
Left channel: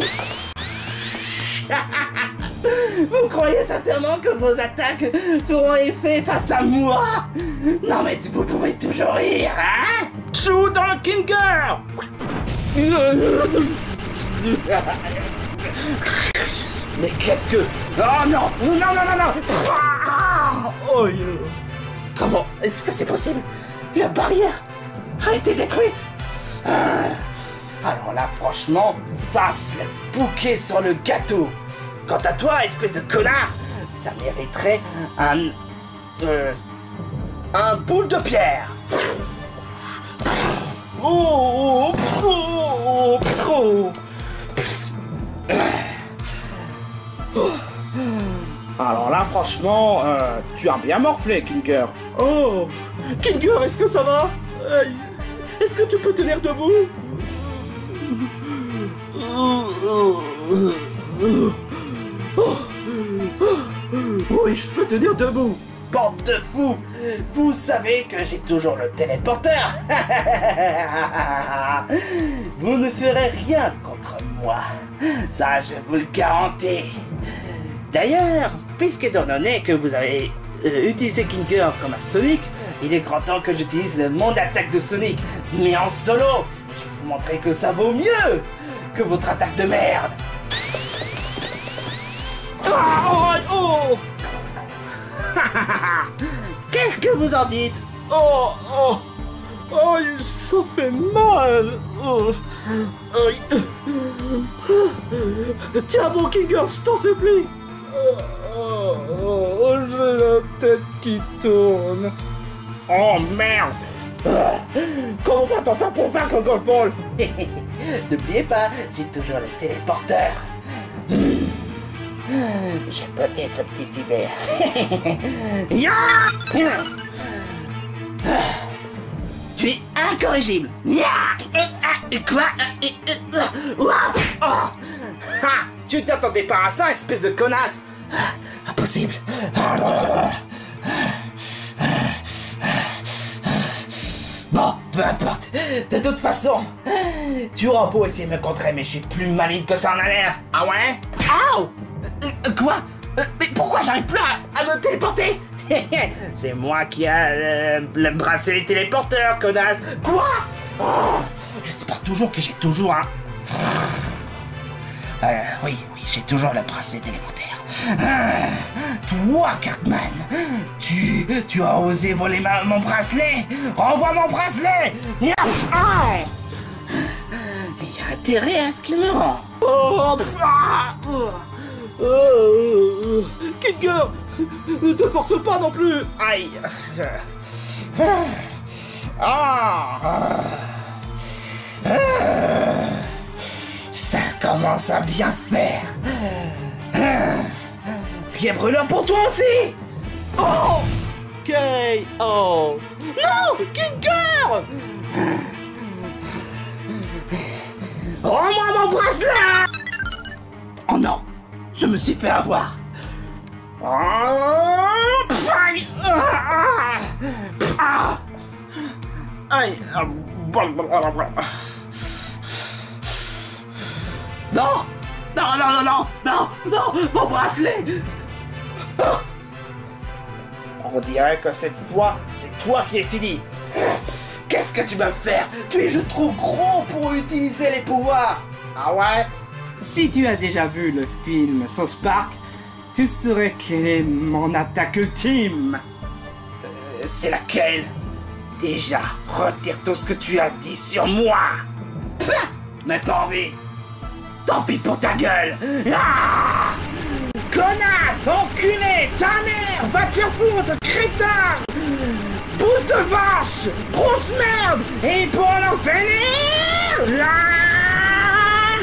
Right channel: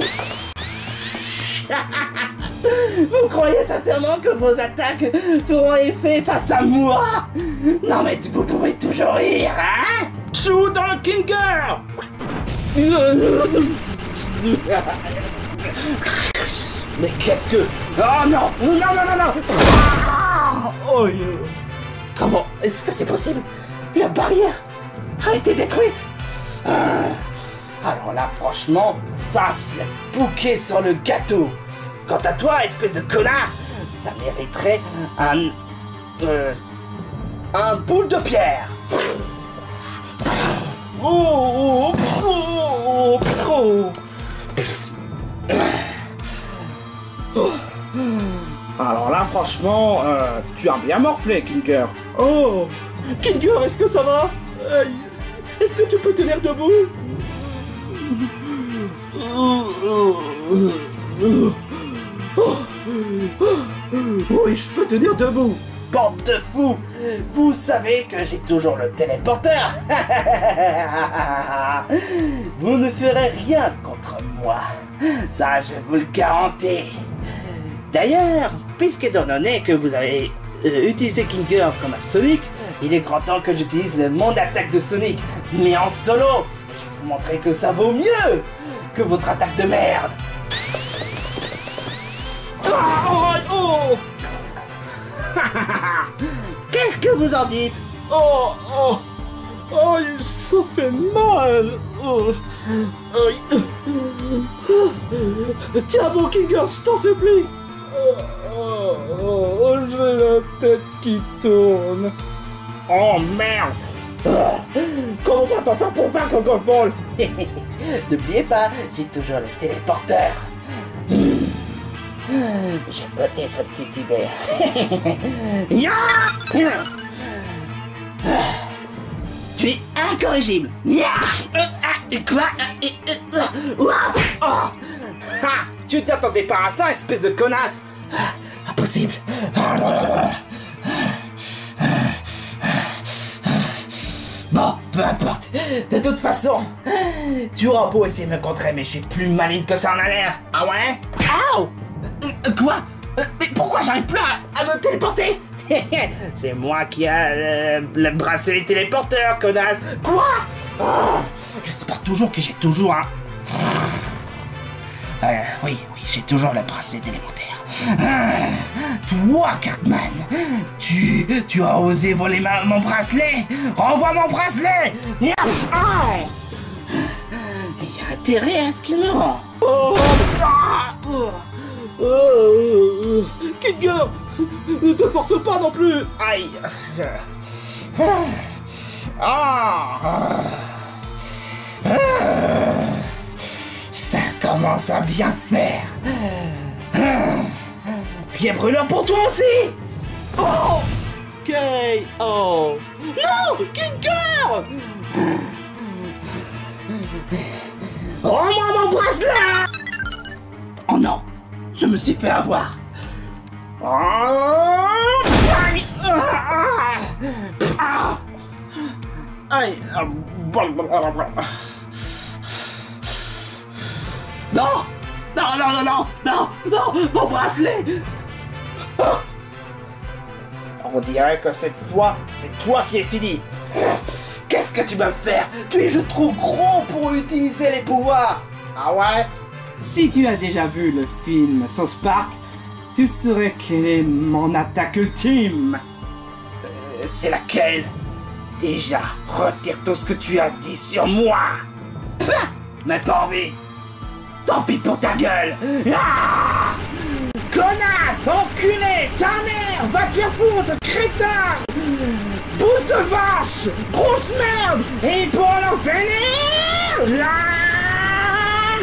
Vous croyez sincèrement que vos attaques feront effet face à moi? Non, mais vous pouvez toujours rire, hein? Shoot dans le Kinger. Mais qu'est-ce que... Oh non! Oh, Comment est-ce que c'est possible? La barrière a été détruite. Alors là, franchement, ça c'est le bouquet sur le gâteau. Quant à toi, espèce de connard, ça mériterait un boule de pierre. Alors là, franchement, tu as bien morflé, Kinger. Oh, Kinger, est-ce que ça va? Est-ce que tu peux tenir debout? Oui, je peux tenir debout. Bande de fous! Vous savez que j'ai toujours le téléporteur. Vous ne ferez rien contre moi. Ça, je vous le garantis. D'ailleurs, puisqu'étant donné que vous avez utilisé Kinger comme un Sonic, il est grand temps que j'utilise mon attaque de Sonic, mais en solo. Je vais vous montrer que ça vaut mieux que votre attaque de merde. Oh. Qu'est-ce que vous en dites? Oh, ça fait mal. Tiens bon Kinger, je t'en supplie. J'ai la tête qui tourne. Oh merde. Comment va-t-on faire pour vaincre Golf Ball? N'oubliez pas, j'ai toujours le téléporteur. J'ai peut-être une petite idée. Tu es incorrigible. Quoi? Tu t'attendais pas à ça, espèce de connasse. Impossible. Bon, peu importe. De toute façon, tu auras beau essayer de me contrer, mais je suis plus maligne que ça en a l'air. Ah ouais? Ow! Quoi? Mais pourquoi j'arrive plus à me téléporter? C'est moi qui a le bracelet téléporteur, connasse. Quoi? J'espère toujours que j'ai toujours un... oui, j'ai toujours le bracelet élémentaire. Toi, Cartman, tu as osé voler mon bracelet? Renvoie mon bracelet! Il y a intérêt à ce qu'il me rend. Finger! Ne te force pas non plus! Aïe. Ah. Ça commence à bien faire. Pied brûlant pour toi aussi. Oh! K.O. Non, Kicker. Rends-moi mon bracelet. Oh non, je me suis fait avoir. Aïe. Non, non, non, non, non, non, non, mon bracelet. On dirait que cette fois, c'est toi qui es fini. Qu'est-ce que tu vas me faire? Tu es juste trop gros pour utiliser les pouvoirs. Ah ouais? Si tu as déjà vu le film South Park, tu saurais quelle est mon attaque ultime. C'est laquelle? Déjà, retire tout ce que tu as dit sur moi. Pah, mais pas envie. Tant pis pour ta gueule. Ah, connasse, enculé, ta mère, va te faire foutre, crétin. Pousse de vache, grosse merde. Et pour leur finir, là,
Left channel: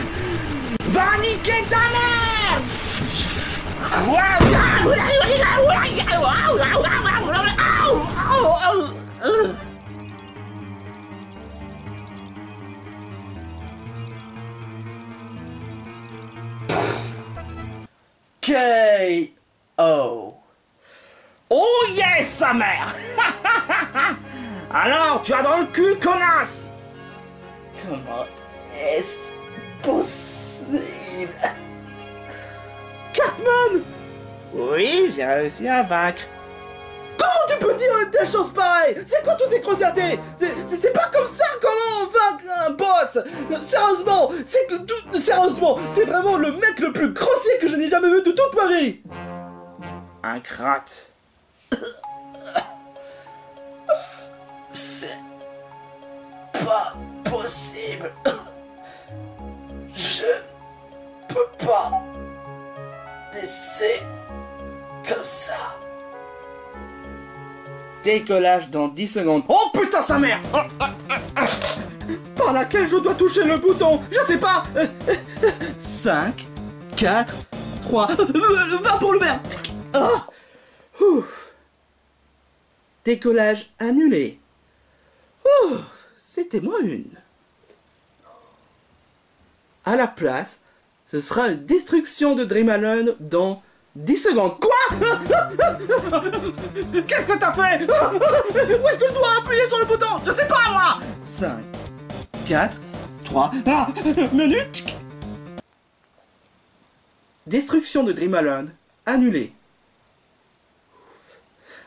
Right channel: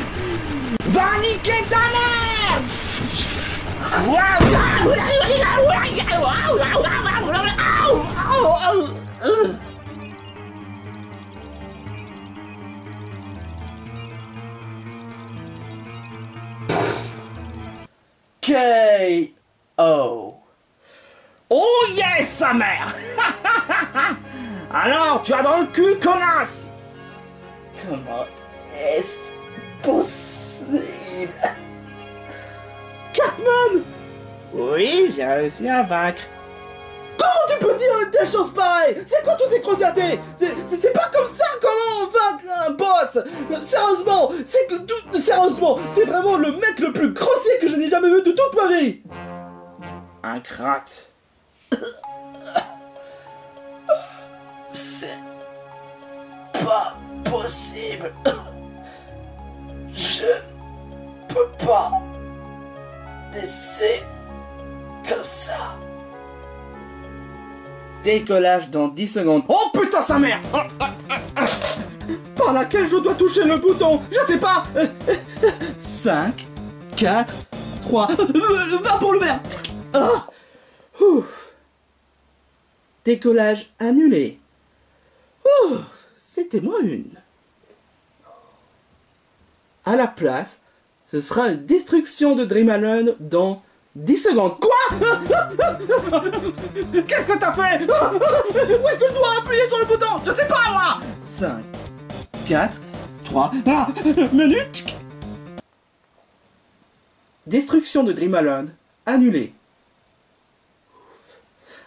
va niquer ta mère. K.O. Oh yes, sa mère. Alors, tu as dans le cul, connasse. Comment est-ce possible? Cartman! Oui, j'ai réussi à vaincre. Comment tu peux dire une telle chose pareille? C'est quoi tous ces grossièretés? C'est pas comme ça comment on vaincre un boss! Sérieusement, c'est que sérieusement, t'es vraiment le mec le plus grossier que je n'ai jamais vu de toute ma vie! Un crotte. C'est pas possible. Je peux pas laisser comme ça. Décollage dans 10 secondes. Oh putain sa mère. Par laquelle je dois toucher le bouton? Je sais pas! 5, 4, 3, va pour le vert! Ah. Décollage annulé. C'était moins une. À la place, ce sera une destruction de Dream Island dans 10 secondes. Quoi? Qu'est-ce que t'as fait? Où est-ce que je dois appuyer sur le bouton? Je sais pas moi! 5, 4, 3, minute. Destruction de Dream Island annulée.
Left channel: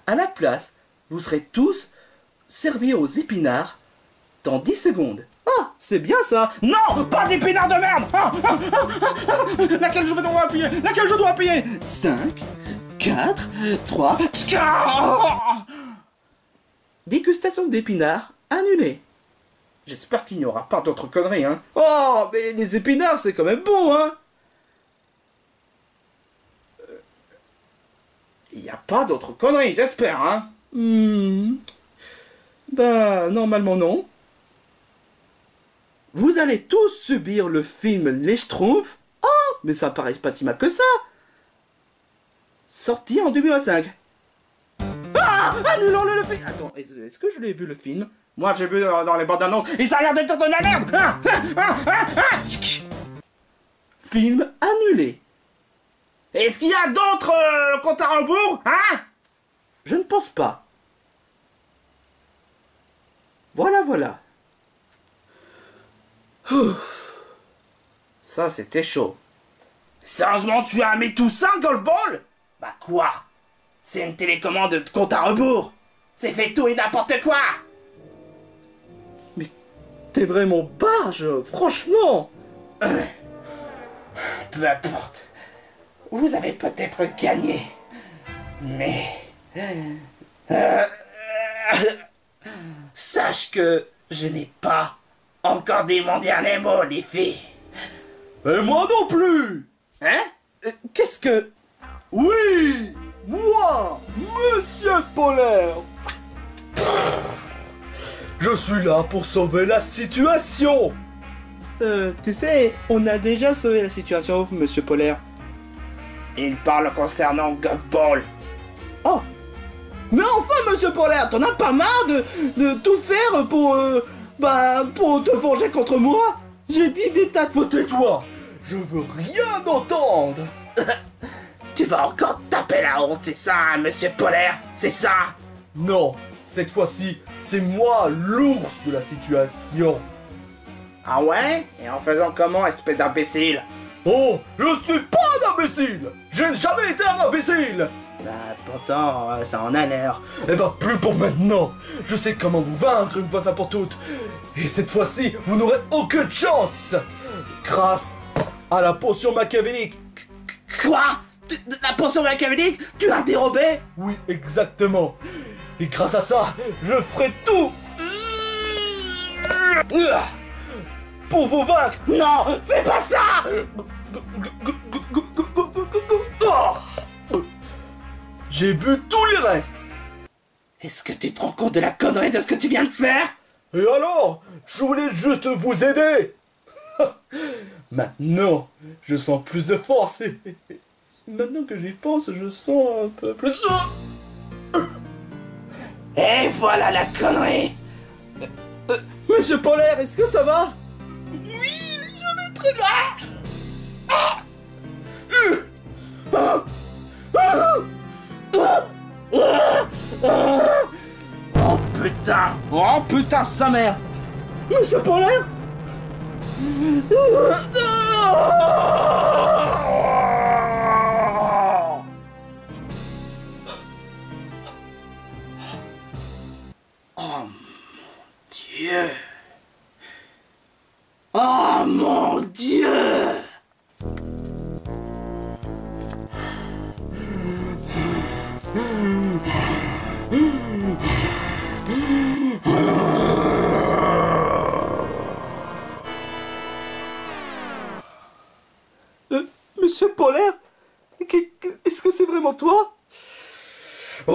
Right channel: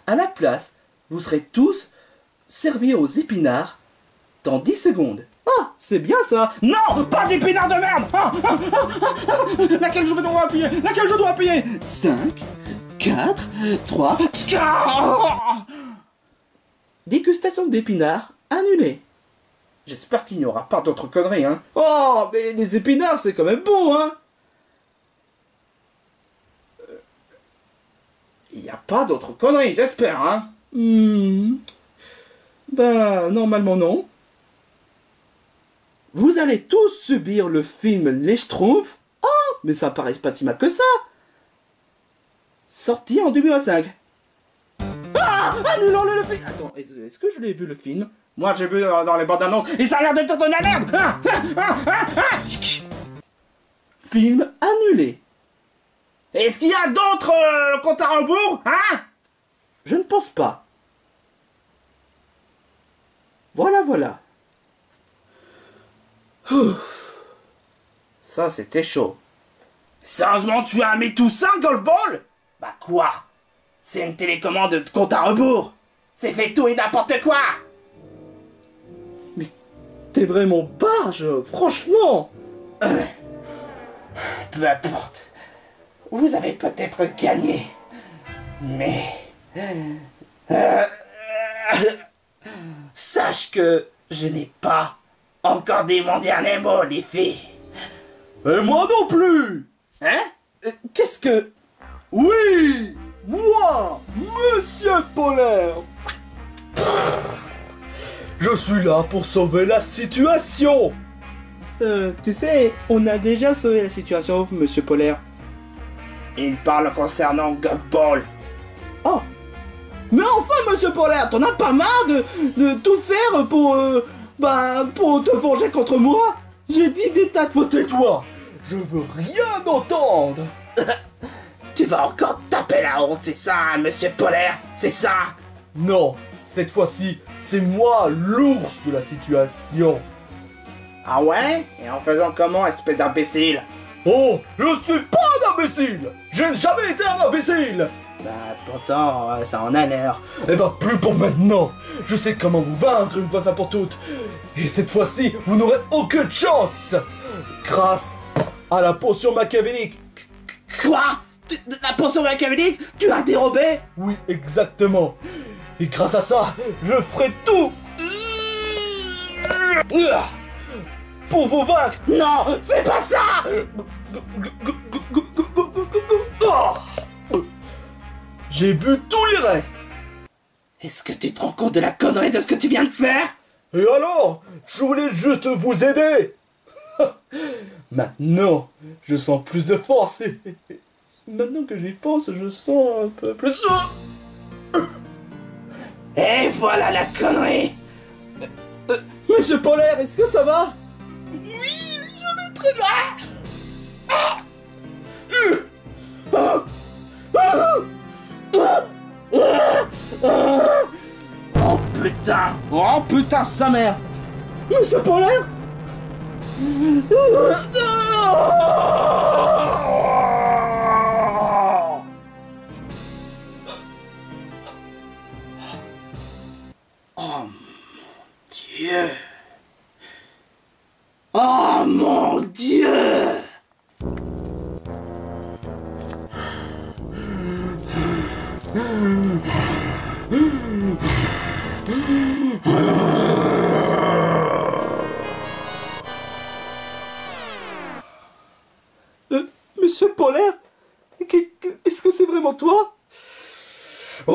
À la place, vous serez tous servis aux épinards dans 10 secondes. Ah, c'est bien ça. Non, pas d'épinards de merde. Laquelle je dois appuyer? Laquelle je dois appuyer? 5, 4, 3... Dégustation d'épinards annulée. J'espère qu'il n'y aura pas d'autres conneries, hein. Oh, mais les épinards, c'est quand même bon, hein. Il n'y a pas d'autres conneries, j'espère, hein. Ben, normalement non. Vous allez tous subir le film Les Schtroumpfs. Oh, mais ça paraît pas si mal que ça. Sorti en 2025. Ah, annulons le film. Attends, est-ce que je l'ai vu le film? Moi j'ai vu dans les bandes annonces et ça a l'air d'être de la merde. Film annulé. Est-ce qu'il y a d'autres comptes à rebours, hein? Je ne pense pas. Voilà. Ça, c'était chaud. Sérieusement, tu as mis tout ça, Golf Ball? Bah quoi? C'est une télécommande de compte à rebours. C'est fait tout et n'importe quoi. Mais t'es vraiment barge, franchement. Peu importe. Vous avez peut-être gagné. Mais... sache que je n'ai pas encore dit mon dernier mot, les filles. Et moi non plus. Hein? Qu'est-ce que... Oui, moi, Monsieur Polaire. Je suis là pour sauver la situation. Tu sais, on a déjà sauvé la situation, Monsieur Polaire. Il parle concernant Golfball. Oh, mais enfin, Monsieur Polaire, t'en as pas marre de tout faire pour te venger contre moi? J'ai dit des tas de fois. Tais-toi, je veux rien entendre. Tu vas encore taper la honte, c'est ça, Monsieur Polaire, c'est ça? Non, cette fois-ci, c'est moi l'ours de la situation. Ah ouais? Et en faisant comment, espèce d'imbécile? Oh, je ne suis pas un imbécile. Je n'ai jamais été un imbécile. Bah pourtant, ça en a l'air. Eh ben, plus pour maintenant. Je sais comment vous vaincre une fois pour toutes. Et cette fois-ci, vous n'aurez aucune chance. Grâce à la potion machiavélique. Quoi? La potion machiavélique? Tu l'as dérobée? Oui, exactement. Et grâce à ça, je ferai tout pour vous vaincre. Non, fais pas ça! J'ai bu tous les restes. Est-ce que tu te rends compte de la connerie de ce que tu viens de faire? Et alors? Je voulais juste vous aider. Maintenant, je sens plus de force. Et maintenant que j'y pense, je sens un peu plus... Et voilà la connerie! Monsieur Polaire, est-ce que ça va? Oui, je vais très bien! Oh putain! Oh putain, sa mère! Monsieur Polaire? Dieu! Oh mon Dieu! Monsieur Polaire? Est-ce que c'est vraiment toi? Hein?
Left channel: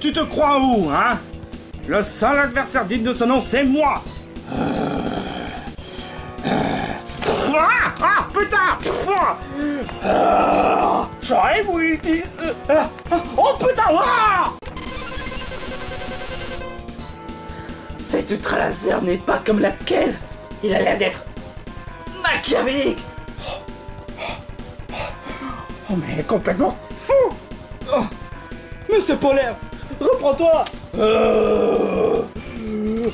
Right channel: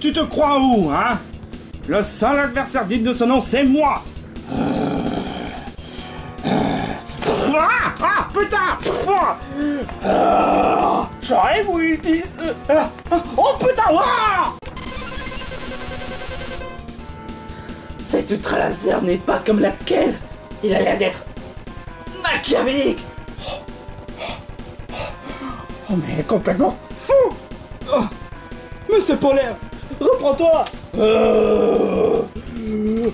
Tu te crois où, hein? Le seul adversaire digne de ce nom, c'est moi! Ah putain! J'aurais voulu dire... Oh putain! Cet ultra laser n'est pas comme laquelle. Il a l'air d'être machiavélique. Oh mais elle est complètement fou. Monsieur Polaire, reprends-toi.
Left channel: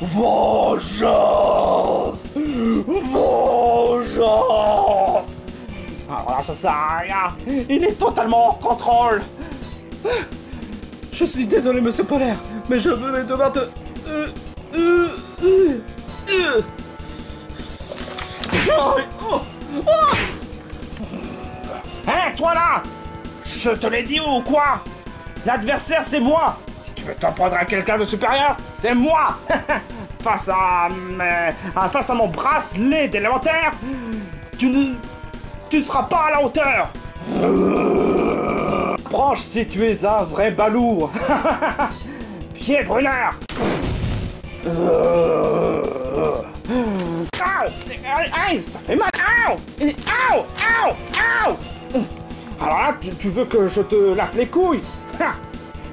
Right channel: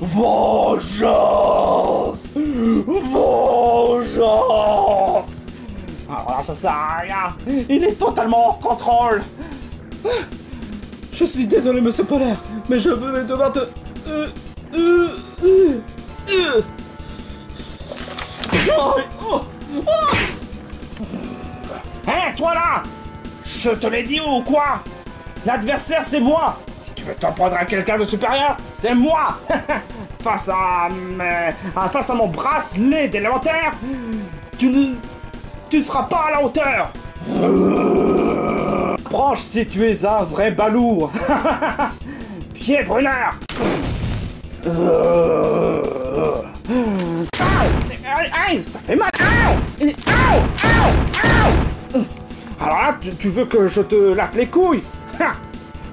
Vengeance! Vengeance! Alors là, ça sert à rien. Il est totalement hors contrôle. Je suis désolé, Monsieur Polaire, mais je vais devoir te... Hein, toi là? Je te l'ai dit ou quoi? L'adversaire, c'est moi. Si tu veux t'en prendre à quelqu'un de supérieur, c'est moi. Face à mon bracelet d'élémentaire, tu ne seras pas à la hauteur. Approche si tu es un vrai balourd. Pied brûleur. Aïe, ça fait mal. Alors là, tu veux que je te lappe les couilles?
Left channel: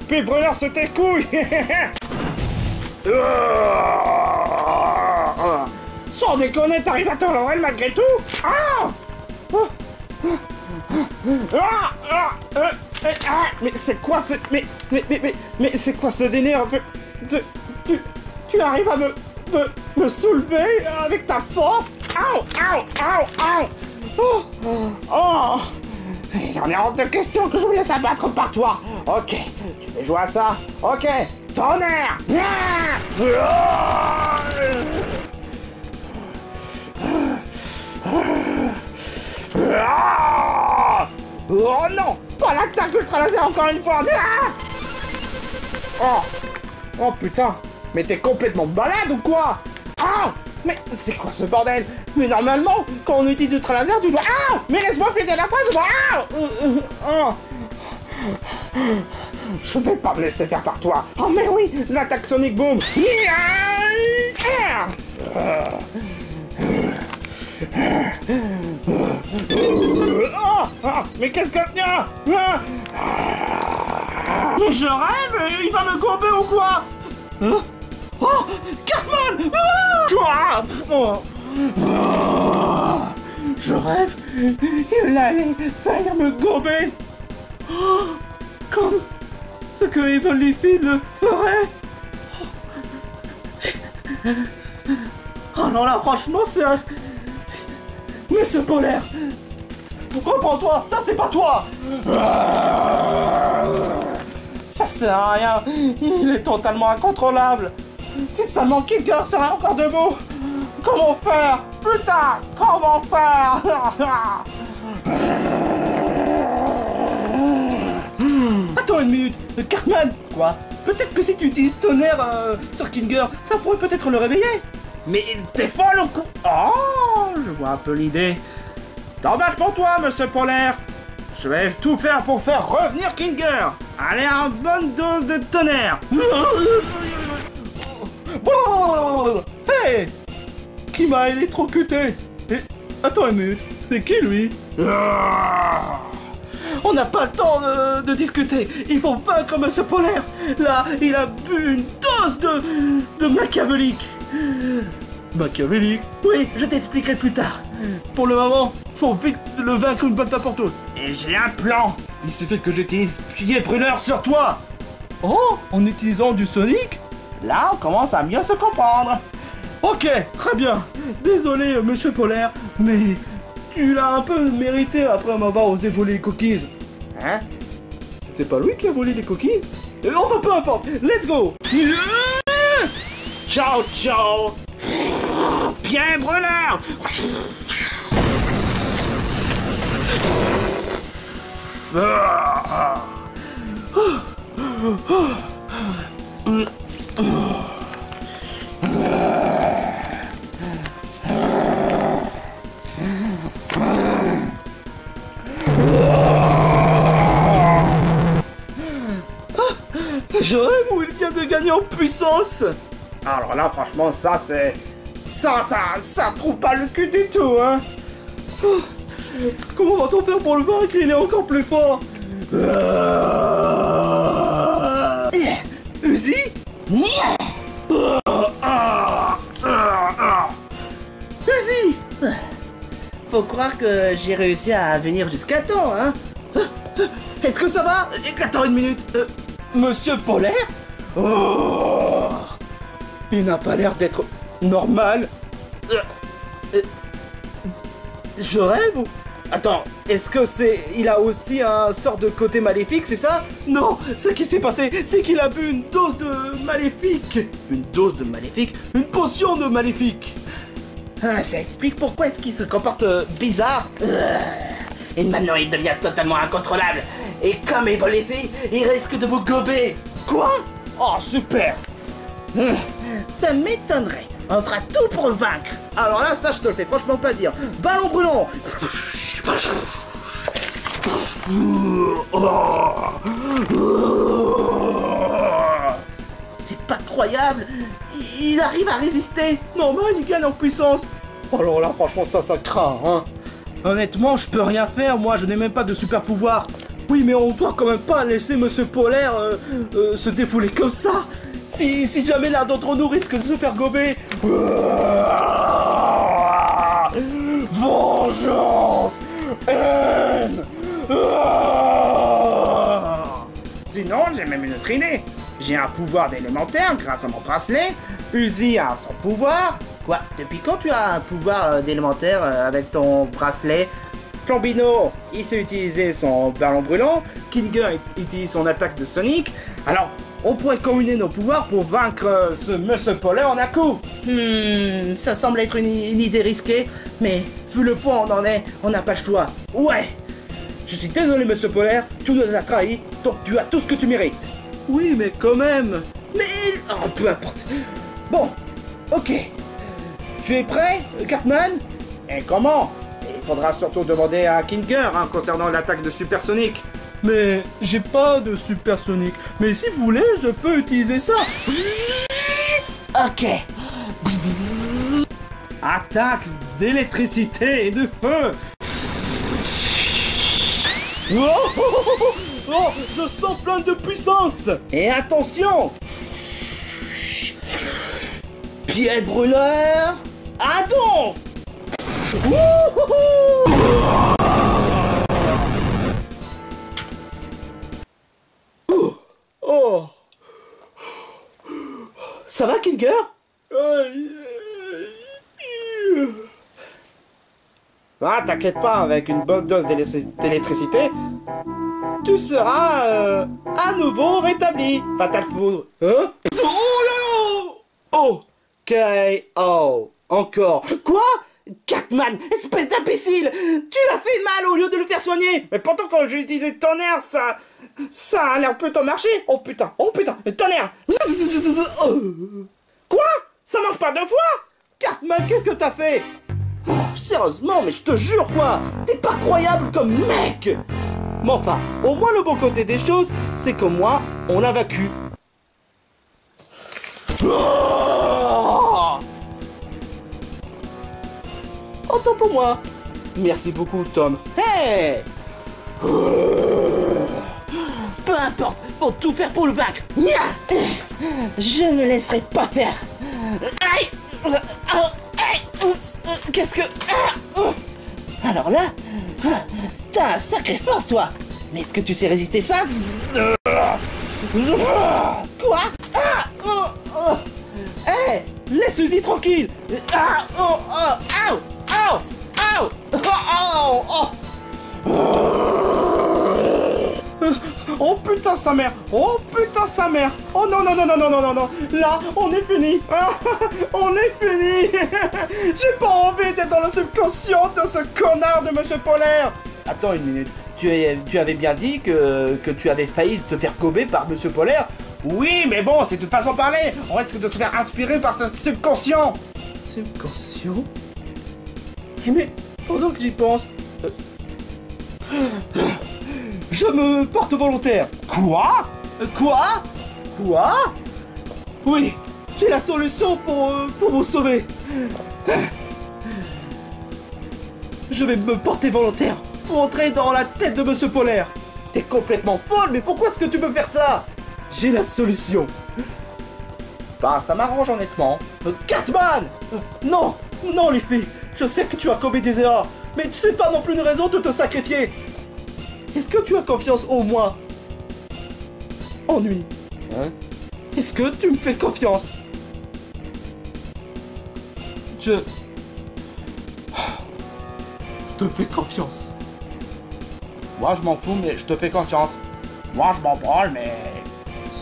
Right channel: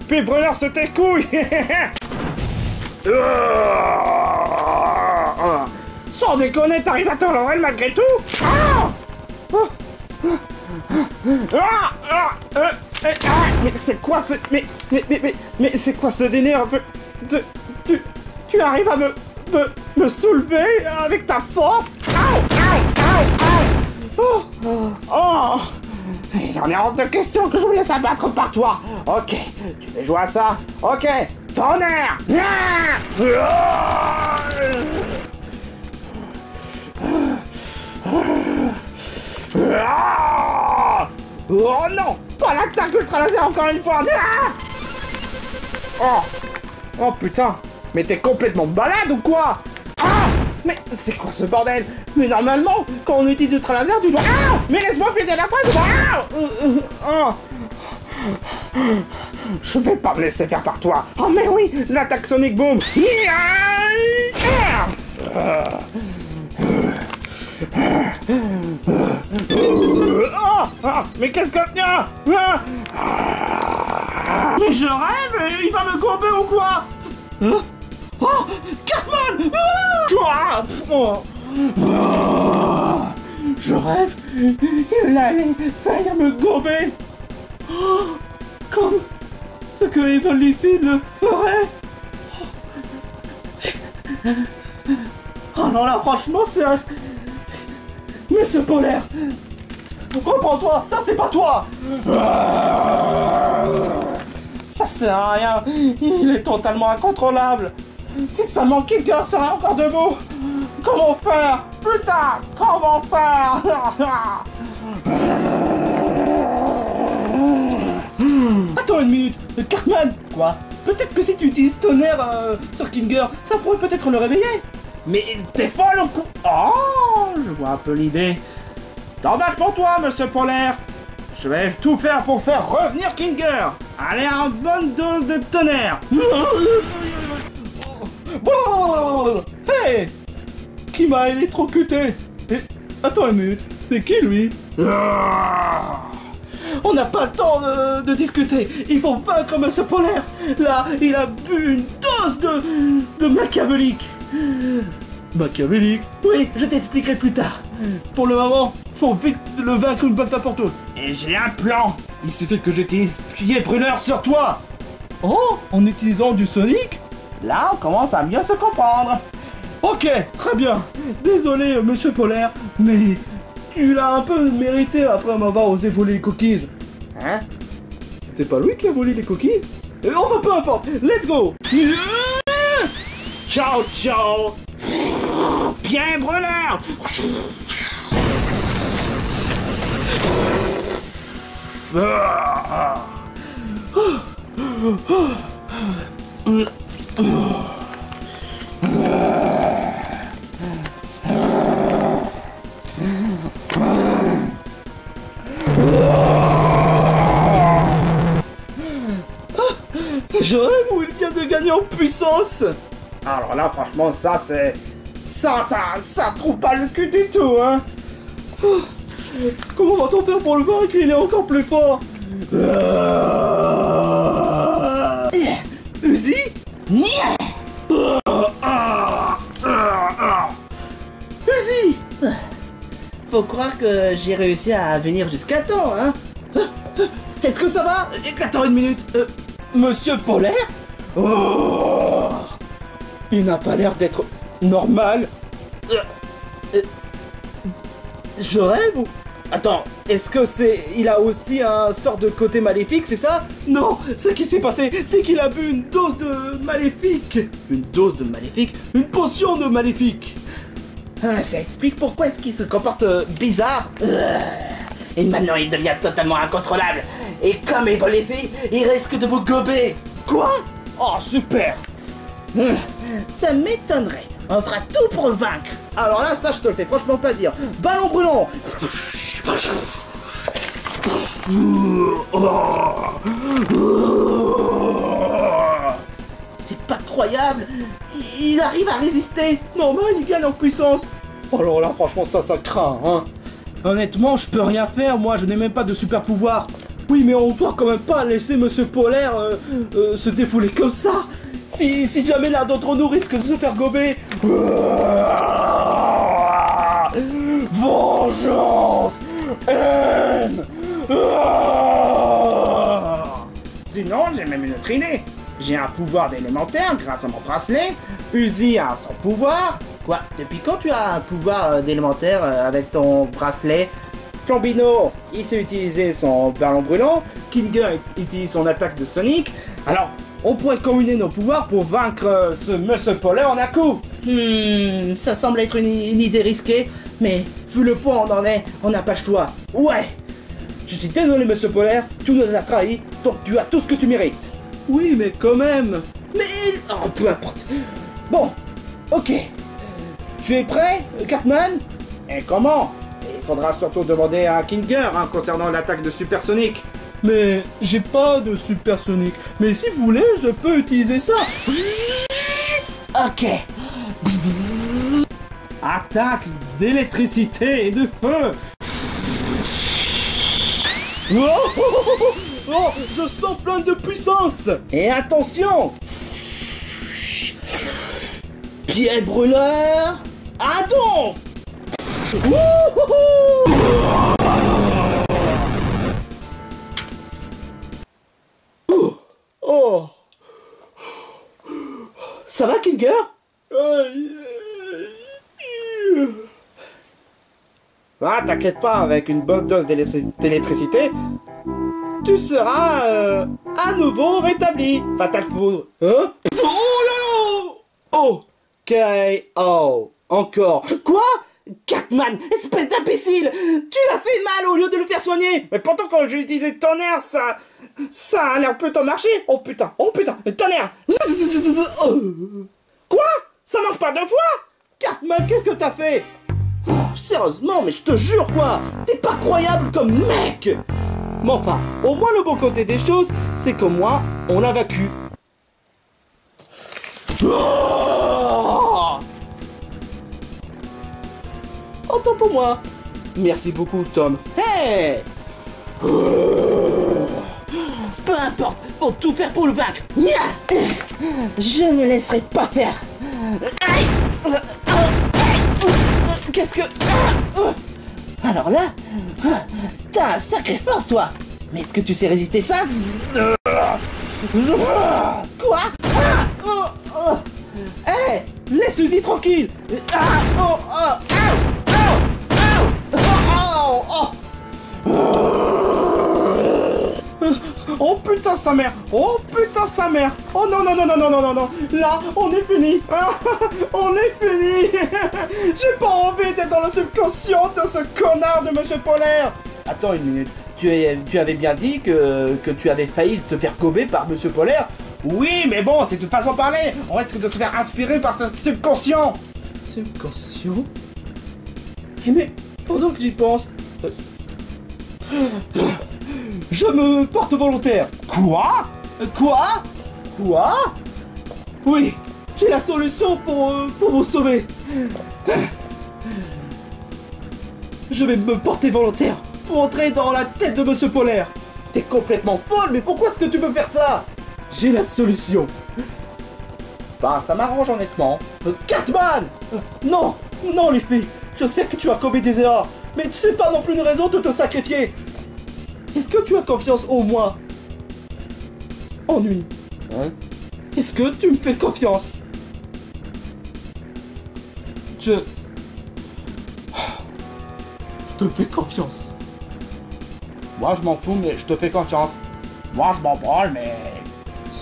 Pied brûleur sur tes couilles. Sans déconner, t'arrives à te relever malgré tout? Mais c'est quoi ce... Mais c'est quoi ce délire? Tu arrives à me soulever avec ta force? Il en est hors de question que je me laisse abattre par toi. Ok, tu veux jouer à ça? Ok, tonnerre! Oh non! Pas l'attaque ultra laser encore une fois! Ah oh putain! Mais t'es complètement malade ou quoi? Ah! Mais c'est quoi ce bordel? Mais normalement, quand on utilise ultra laser, tu dois... Ah! Mais laisse-moi finir la phrase! Ah! Je vais pas me laisser faire par toi! Oh mais oui! L'attaque Sonic Boom! Mais qu'est-ce que... Mais je rêve! Il va me gober ou quoi? Oh! Cartman! Je rêve! Il allait faire me gober! Comme ce que Evil Leafy le ferait! Oh non là, franchement, c'est un... Mais ce polaire! Reprends-toi, ça c'est pas toi! Ça sert à rien, il est totalement incontrôlable! Si seulement Kicker serait encore debout! Comment faire? Putain! Comment faire? Attends une minute! Cartman! Quoi? Peut-être que si tu utilises tonnerre sur Kinger, ça pourrait peut-être le réveiller! Mais t'es folle ou quoi? Oh! Je vois un peu l'idée. T'embarques pour toi, monsieur Polaire! Je vais tout faire pour faire revenir Kinger! Allez, une bonne dose de tonnerre! Hey! Qui m'a électrocuté? Et... Attends une minute, c'est qui lui? On n'a pas le temps de discuter! Il faut vaincre monsieur Polaire! Là, il a bu une dose de machiavélique! Machiavélique? Oui, je t'expliquerai plus tard. Pour le moment, faut vite le vaincre une bonne fois pour toutes. Et j'ai un plan. Il suffit que j'utilise pied brûleur sur toi. Oh, en utilisant du Sonic? Là, on commence à mieux se comprendre. Ok, très bien. Désolé, monsieur Polaire, mais tu l'as un peu mérité après m'avoir osé voler les cookies. Hein? C'était pas lui qui a volé les cookies? Enfin, peu importe. Let's go. Ciao, ciao. Bien brûleur. Je rêve où il vient de gagner en puissance. Alors là, franchement, ça c'est... Ça trouve pas le cul du tout, hein. Comment va-t-on faire pour le vaincre? Il est encore plus fort. Uzi? Uzi! Faut croire que j'ai réussi à venir jusqu'à temps, hein. Est-ce que ça va? Attends une minute. Monsieur Polaire? Oh, il n'a pas l'air d'être normal. Je rêve ou... Attends, est-ce que c'est... Il a aussi un sort de côté maléfique, c'est ça? Non, ce qui s'est passé, c'est qu'il a bu une dose de maléfique. Une dose de maléfique? Une potion de maléfique. Ah, ça explique pourquoi est-ce qu'il se comporte bizarre. Et maintenant il devient totalement incontrôlable. Et comme Evil Leafy, il risque de vous gober. Quoi? Oh, super. Ça m'étonnerait. On fera tout pour le vaincre. Alors là, ça je te le fais franchement pas dire. Ballon brûlant. C'est pas croyable. Il arrive à résister. Normal, il gagne en puissance. Alors là, franchement, ça craint, hein. Honnêtement, je peux rien faire, moi, je n'ai même pas de super pouvoir. Oui, mais on doit quand même pas laisser Monsieur Polaire se défouler comme ça. Si jamais l'un d'entre nous risque de se faire gober. Vengeance! Haine! Sinon, j'ai même une autre idée. J'ai un pouvoir d'élémentaire grâce à mon bracelet. Uzi a son pouvoir. Quoi? Depuis quand tu as un pouvoir d'élémentaire avec ton bracelet? Flambino, il sait utiliser son ballon brûlant. Kinger utilise son attaque de Sonic. Alors, on pourrait combiner nos pouvoirs pour vaincre ce Monsieur Polaire en un coup. Ça semble être une idée risquée, mais vu le point où on en est, on n'a pas le choix. Ouais! Je suis désolé, monsieur Polaire, tu nous as trahis, donc tu as tout ce que tu mérites. Oui, mais quand même. Mais... Oh, peu importe. Bon, ok. Tu es prêt, Cartman? Et comment? Il faudra surtout demander à Kinger concernant l'attaque de Supersonic. Mais j'ai pas de Supersonic. Mais si vous voulez, je peux utiliser ça. Ok. Attaque d'électricité et de feu. Oh, oh, oh, oh, oh, je sens plein de puissance. Et attention. Pied brûleur. Adolphe. Oh. Ça va, Kinger? Ah, t'inquiète pas, avec une bonne dose d'électricité, tu seras à nouveau rétabli. Fatal Foudre. Hein? Oh là là! Oh! K.O. Encore. Quoi? Cartman, espèce d'imbécile! Tu l'as fait mal au lieu de le faire soigner! Mais pourtant, quand j'ai utilisé tonnerre, ça a l'air plutôt marché! Oh putain! Tonnerre! Quoi? Ça marche pas deux fois? Cartman, qu'est-ce que t'as fait? Oh, sérieusement, mais je te jure quoi! T'es pas croyable comme mec! Mais enfin, au moins le bon côté des choses, c'est que moi, on l'a vaincu. Oh, autant pour moi. Merci beaucoup, Tom. Hey! Peu importe, faut tout faire pour le vaincre. Je ne laisserai pas faire. Aïe! Qu'est-ce que... Alors là, t'as un sacré force, toi. Mais est-ce que tu sais résister ça? Quoi? Hé! Laisse Suzy tranquille! Oh putain sa mère! Oh putain sa mère! Oh non non non non non non non non! Là, on est fini! On est fini! J'ai pas envie d'être dans le subconscient de ce connard de Monsieur Polaire! Attends une minute, tu avais bien dit que tu avais failli te faire gober par Monsieur Polaire? Oui, mais bon, c'est de toute façon parler! On risque de se faire inspirer par ce subconscient! Subconscient? Mais pendant que j'y pense... Je me porte volontaire. Quoi? Quoi? Oui, j'ai la solution pour vous sauver. Je vais me porter volontaire pour entrer dans la tête de Monsieur Polaire. T'es complètement folle, mais pourquoi est-ce que tu veux faire ça? J'ai la solution. Bah, ça m'arrange honnêtement. Cartman! Non, les filles, je sais que tu as commis des erreurs, mais c'est pas non plus une raison de te sacrifier. Est-ce que tu as confiance en moi? Ennui. Hein? Est-ce que tu me fais confiance? Je te fais confiance. Moi je m'en fous, mais je te fais confiance. Moi je m'en branle, mais...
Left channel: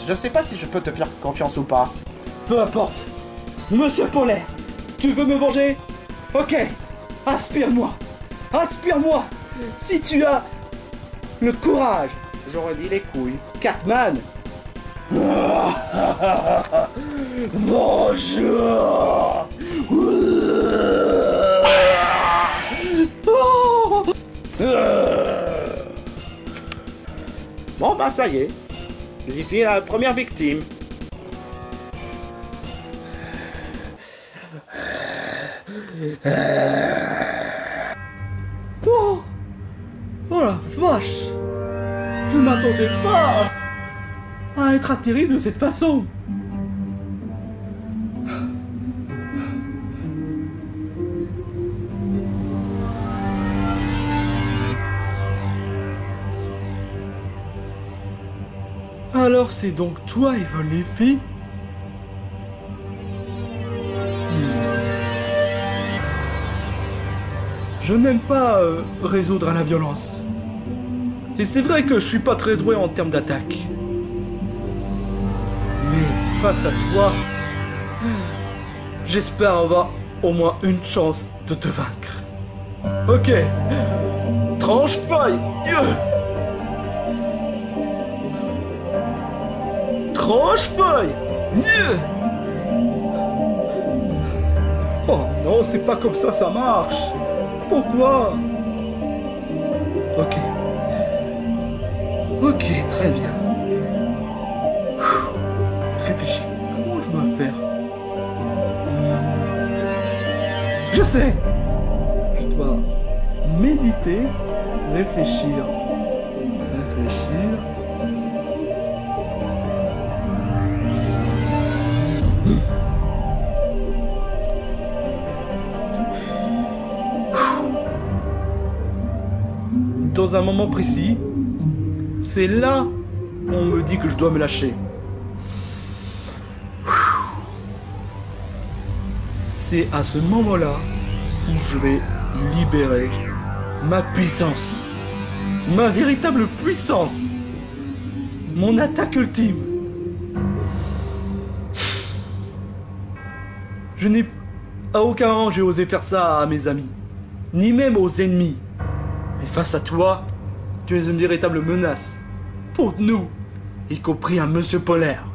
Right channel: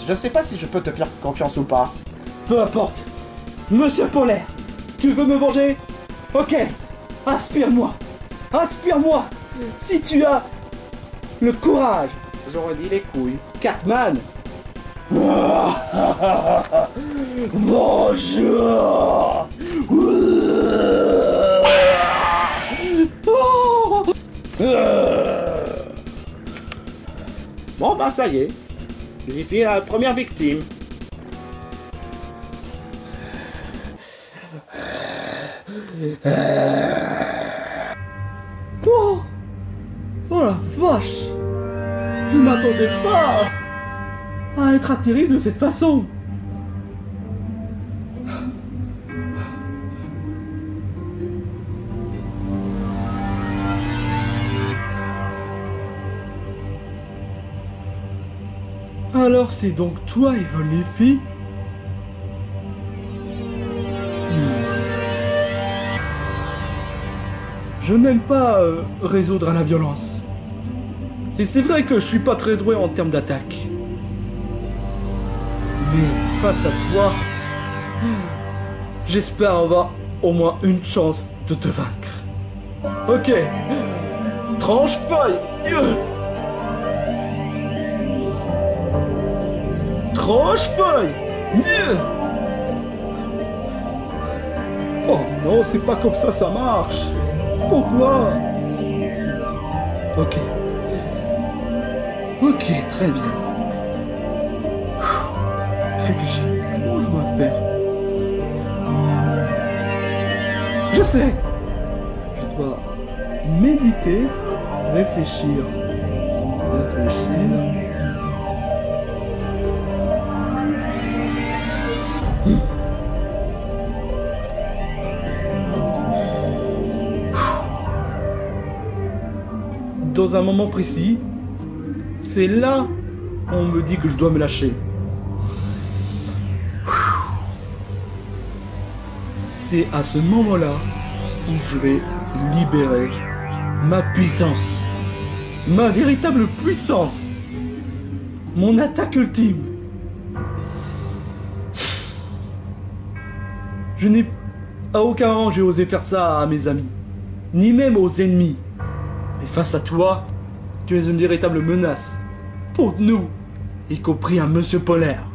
Je sais pas si je peux te faire confiance ou pas. Peu importe. Monsieur Polaire, tu veux me venger? Ok. Aspire-moi. Si tu as... le courage. J'aurais dit les couilles. Cartman. Vengeance. Bon bah ça y est. J'ai fait la première victime. Oh la vache! Je m'attendais pas à être atterri de cette façon. Alors c'est donc toi, Evil Leafy? Je n'aime pas résoudre à la violence. Et c'est vrai que je suis pas très doué en termes d'attaque. Mais face à toi, j'espère avoir au moins une chance de te vaincre. Ok. Tranche feuille Tranche-feuille. Oh non, c'est pas comme ça marche. Pourquoi? Ok. Ok, très bien. Réfléchis, comment je dois faire? Je sais. Je dois méditer, réfléchir. Dans un moment précis, c'est là où on me dit que je dois me lâcher. C'est à ce moment-là où je vais libérer ma puissance. Ma véritable puissance. Mon attaque ultime. Je n'ai... À aucun moment j'ai osé faire ça à mes amis. Ni même aux ennemis. Mais face à toi, tu es une véritable menace. Pour nous, y compris un monsieur polaire.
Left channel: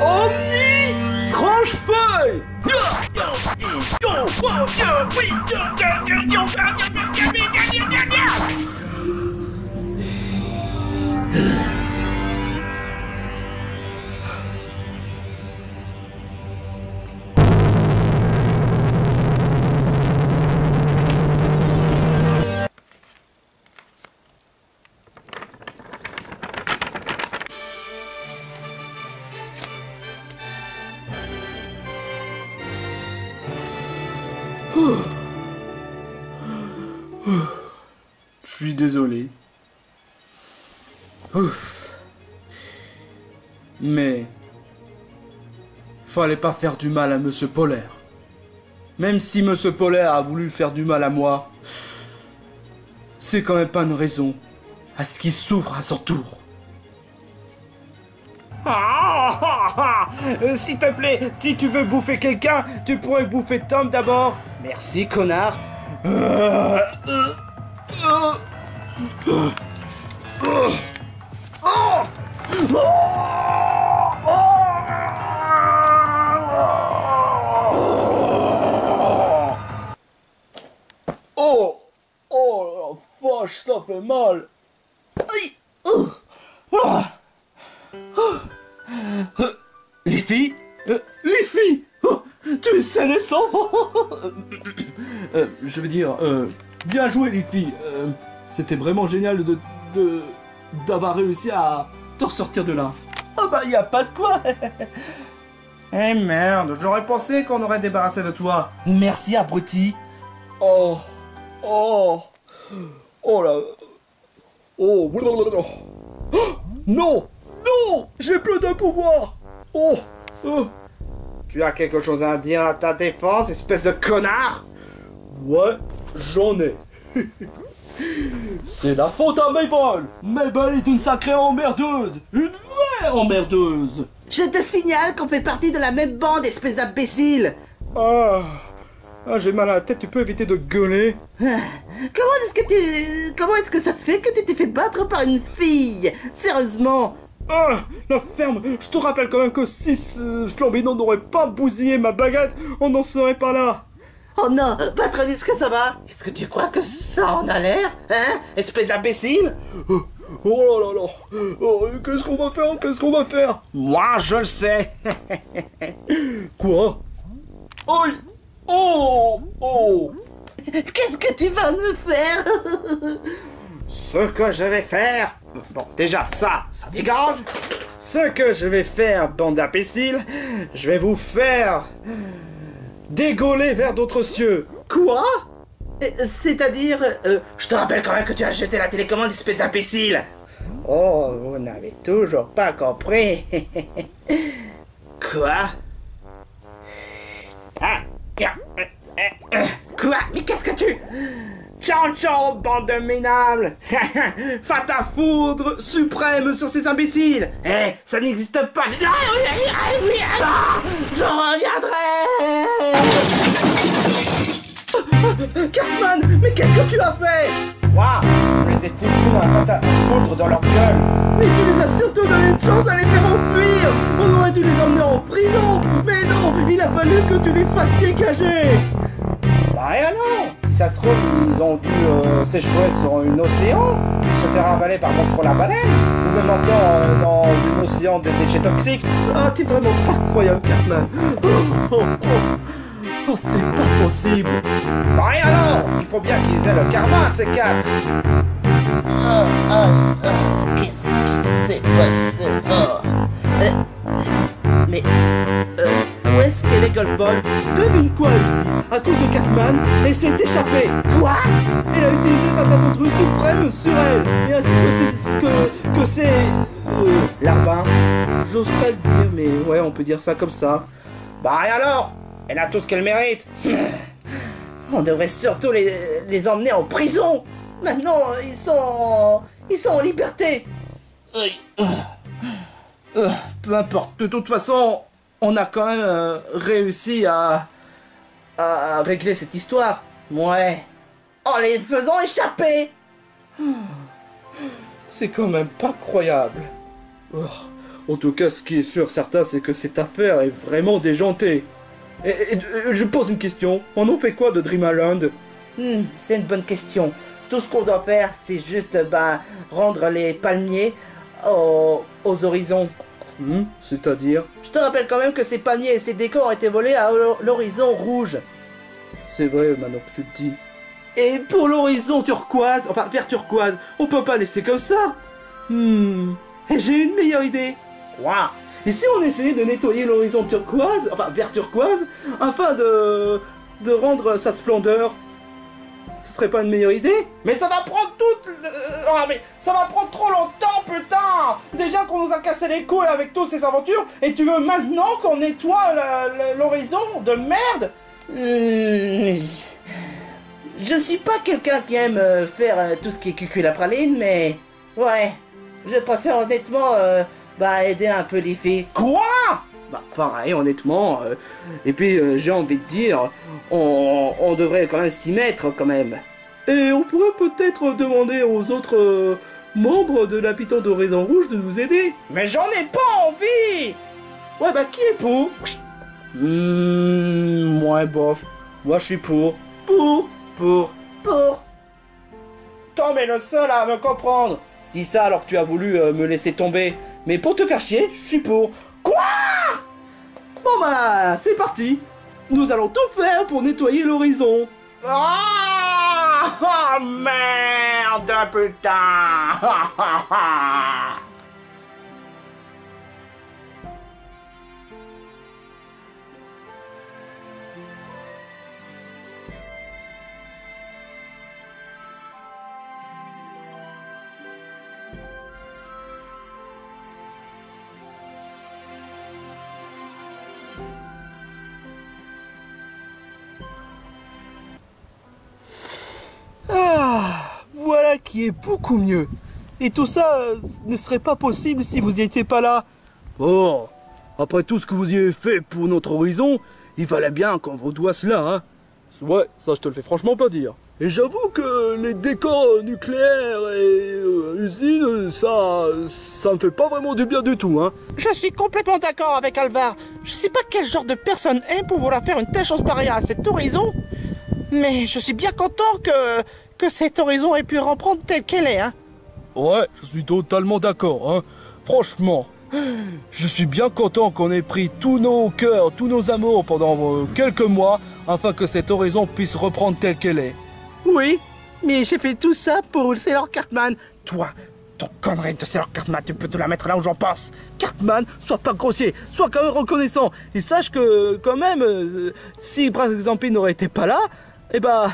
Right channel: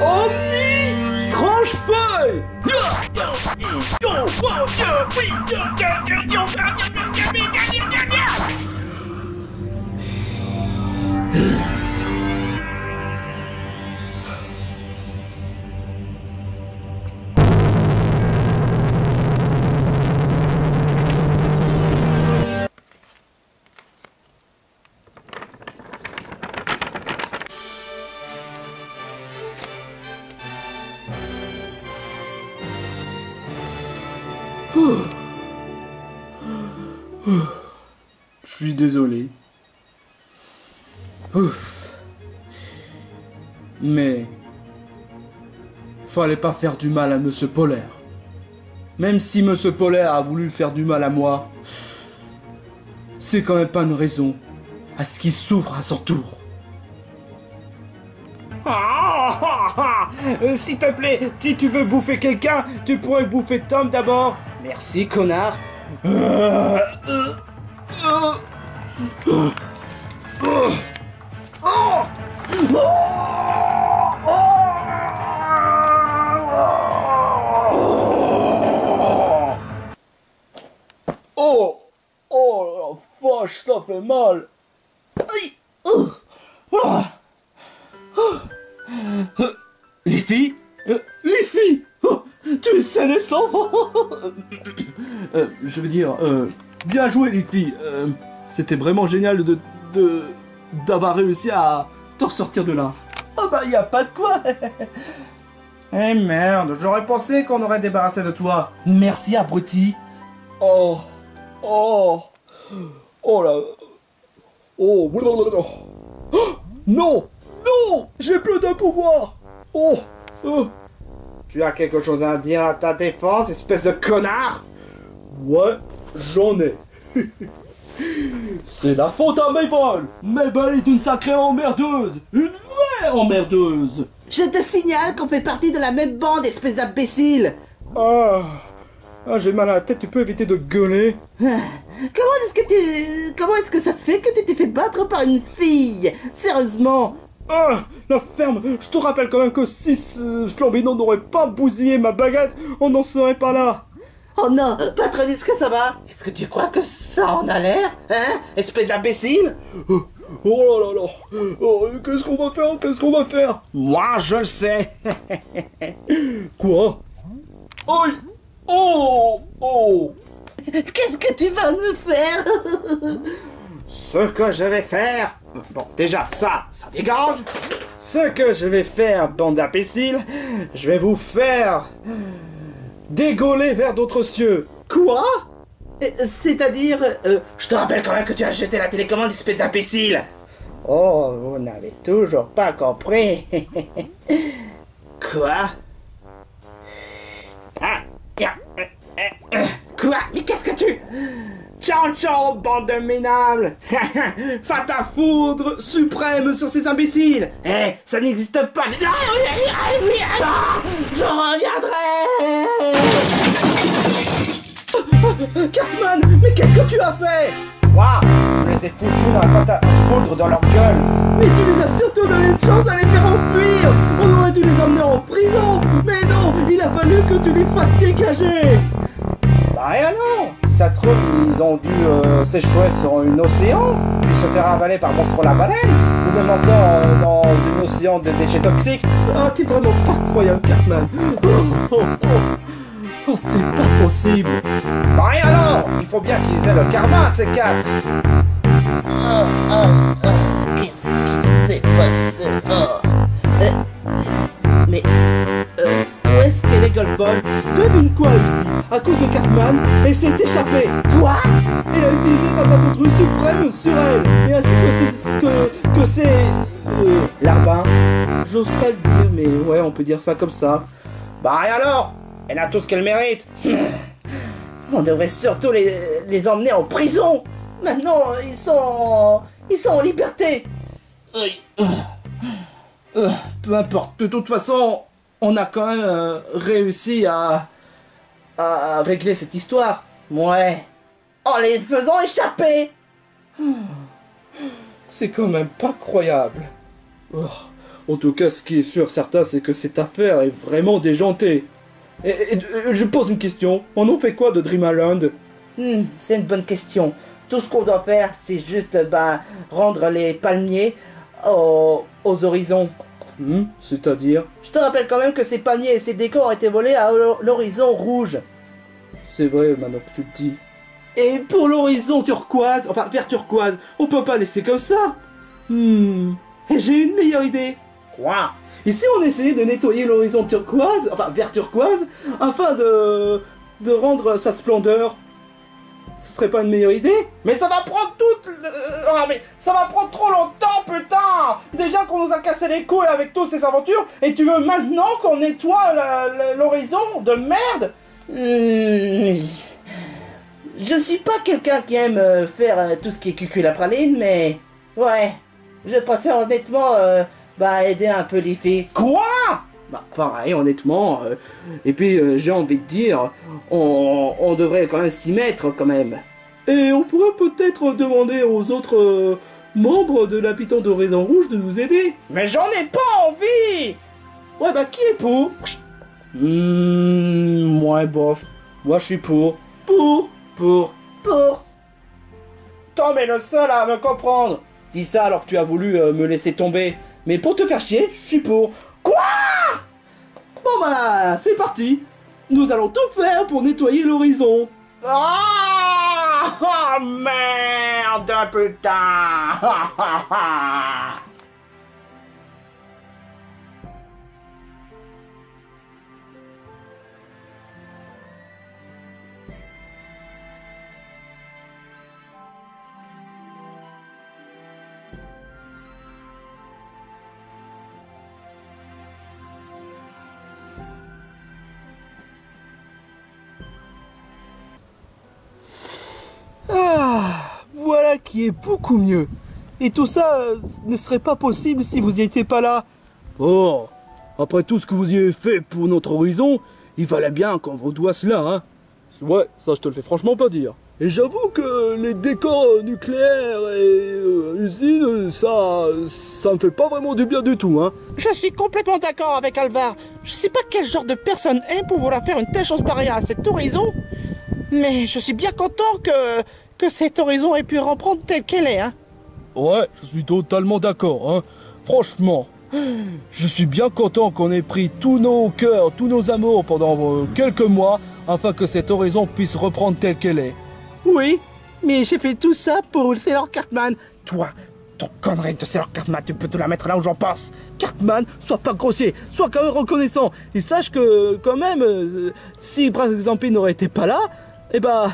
Omni tranche-feuille. Je suis désolé. Mais fallait pas faire du mal à Monsieur Polaire. Même si Monsieur Polaire a voulu faire du mal à moi, c'est quand même pas une raison à ce qu'il souffre à son tour. S'il te plaît, si tu veux bouffer quelqu'un, tu pourrais bouffer Tom d'abord. Merci, connard. Oh, la vache, ça fait mal. Les filles, tu es saine et sauve. Je veux dire, bien joué les filles. C'était vraiment génial d'avoir réussi à te ressortir de là. Ah bah y a pas de quoi. Eh merde, j'aurais pensé qu'on aurait débarrassé de toi. Merci abruti. Oh là. Oh, non, j'ai plus de pouvoir. Tu as quelque chose à dire à ta défense, espèce de connard? Ouais, j'en ai. C'est la faute à Mabel. Mabel est une sacrée emmerdeuse. Une vraie emmerdeuse. Je te signale qu'on fait partie de la même bande, espèce d'imbécile. J'ai mal à la tête, tu peux éviter de gueuler? Comment est-ce que ça se fait que tu t'es fait battre par une fille? Sérieusement? La ferme. Je te rappelle quand même que si Flambino n'aurait pas bousillé ma baguette, on n'en serait pas là. Oh non, Patronus, que ça va? Est-ce que tu crois que ça en a l'air? Hein? Espèce d'imbécile? Oh là là. Qu'est-ce qu'on va faire? Moi, je le sais. Quoi? Aïe. Oh. Qu'est-ce que tu vas me faire? Ce que je vais faire... Bon, déjà, ça dégage. Ce que je vais faire, bande d'imbéciles, je vais vous faire... dégauler vers d'autres cieux. Quoi? C'est-à-dire... je te rappelle quand même que tu as jeté la télécommande, espèce d'imbécile. Oh, vous n'avez toujours pas compris. Quoi? Quoi? Mais qu'est-ce que tu... Ciao, bande de minables. Faites à foudre suprême sur ces imbéciles. Ça n'existe pas. Je reviendrai. Cartman, mais qu'est-ce que tu as fait? Quoi? Je les ai foutus dans la pâte à foudre dans leur gueule. Mais tu les as surtout donné une chance à les faire enfuir. On aurait dû les emmener en prison. Mais non, il a fallu que tu les fasses dégager. Bah et alors? Si ça se trouve, ils ont dû s'échouer sur un océan, puis se faire avaler par monstre la baleine, ou même encore dans un océan de déchets toxiques. Ah, t'es vraiment pas croyable, Cartman. Oh, c'est pas possible. Bah et alors? Il faut bien qu'ils aient le karma de ces quatre. Qu'est-ce qui s'est passé? Mais où est-ce qu'elle est Golfball? Devine quoi, Lucie? À cause de Cartman, elle s'est échappée. Quoi? Elle a utilisé Patapodrus suprême sur elle. Et ainsi que c'est... Larbin. J'ose pas le dire, mais ouais, on peut dire ça comme ça. Bah et alors? Elle a tout ce qu'elle mérite. On devrait surtout les emmener en prison. Maintenant, ils sont en liberté. Peu importe. De toute façon, on a quand même réussi à régler cette histoire. Ouais. En les faisant échapper. C'est quand même pas croyable. Oh. En tout cas, ce qui est sûr certain, c'est que cette affaire est vraiment déjantée. Et je pose une question. On en fait quoi de Dream Island? C'est une bonne question. Tout ce qu'on doit faire, c'est juste rendre les palmiers aux horizons. C'est-à-dire? Je te rappelle quand même que ces palmiers et ces décors ont été volés à l'horizon rouge. C'est vrai, maintenant que tu le dis. Et pour l'horizon turquoise, enfin vert turquoise, on peut pas laisser comme ça. Et j'ai une meilleure idée. Quoi? Et si on essayait de nettoyer l'horizon turquoise, enfin vert turquoise, afin de rendre sa splendeur? Ce serait pas une meilleure idée? Mais ça va prendre mais ça va prendre trop longtemps, putain! Déjà qu'on nous a cassé les couilles avec toutes ces aventures, et tu veux maintenant qu'on nettoie l'horizon de merde? Je suis pas quelqu'un qui aime faire tout ce qui est cuculapraline, mais... Ouais, je préfère honnêtement aider un peu les filles. Quoi? Bah pareil, honnêtement. Et puis j'ai envie de dire, on devrait quand même s'y mettre quand même. Et on pourrait peut-être demander aux autres membres de l'habitant d'Horizon Rouge de nous aider. Mais j'en ai pas envie! Ouais bah qui est pour? Moi bof. Moi je suis pour. Pour. Tom est le seul à me comprendre. Dis ça alors que tu as voulu me laisser tomber. Mais pour te faire chier, je suis pour. Quoi? Bon bah, c'est parti. Nous allons tout faire pour nettoyer l'horizon. Oh merde, putain! Voilà qui est beaucoup mieux. Et tout ça ne serait pas possible si vous n'y étiez pas là. Oh, après tout ce que vous y avez fait pour notre horizon, il fallait bien qu'on vous doit cela, hein. Ouais, ça je te le fais franchement pas dire. Et j'avoue que les décors nucléaires et usines, ça me fait pas vraiment du bien du tout, hein. Je suis complètement d'accord avec Alvar. Je sais pas quel genre de personne est pour vouloir faire une telle chose pareille à cet horizon. Mais je suis bien content que cet horizon ait pu reprendre telle qu'elle est, hein. Ouais, je suis totalement d'accord, hein. Franchement, je suis bien content qu'on ait pris tous nos cœurs, tous nos amours pendant quelques mois, afin que cet horizon puisse reprendre telle qu'elle est. Oui, mais j'ai fait tout ça pour Sailor Cartman. Toi, ton connerie de Sailor Cartman, tu peux te la mettre là où j'en pense. Cartman, sois pas grossier, sois quand même reconnaissant. Et sache que, quand même, si par exemple il n'aurait été pas là, eh ben,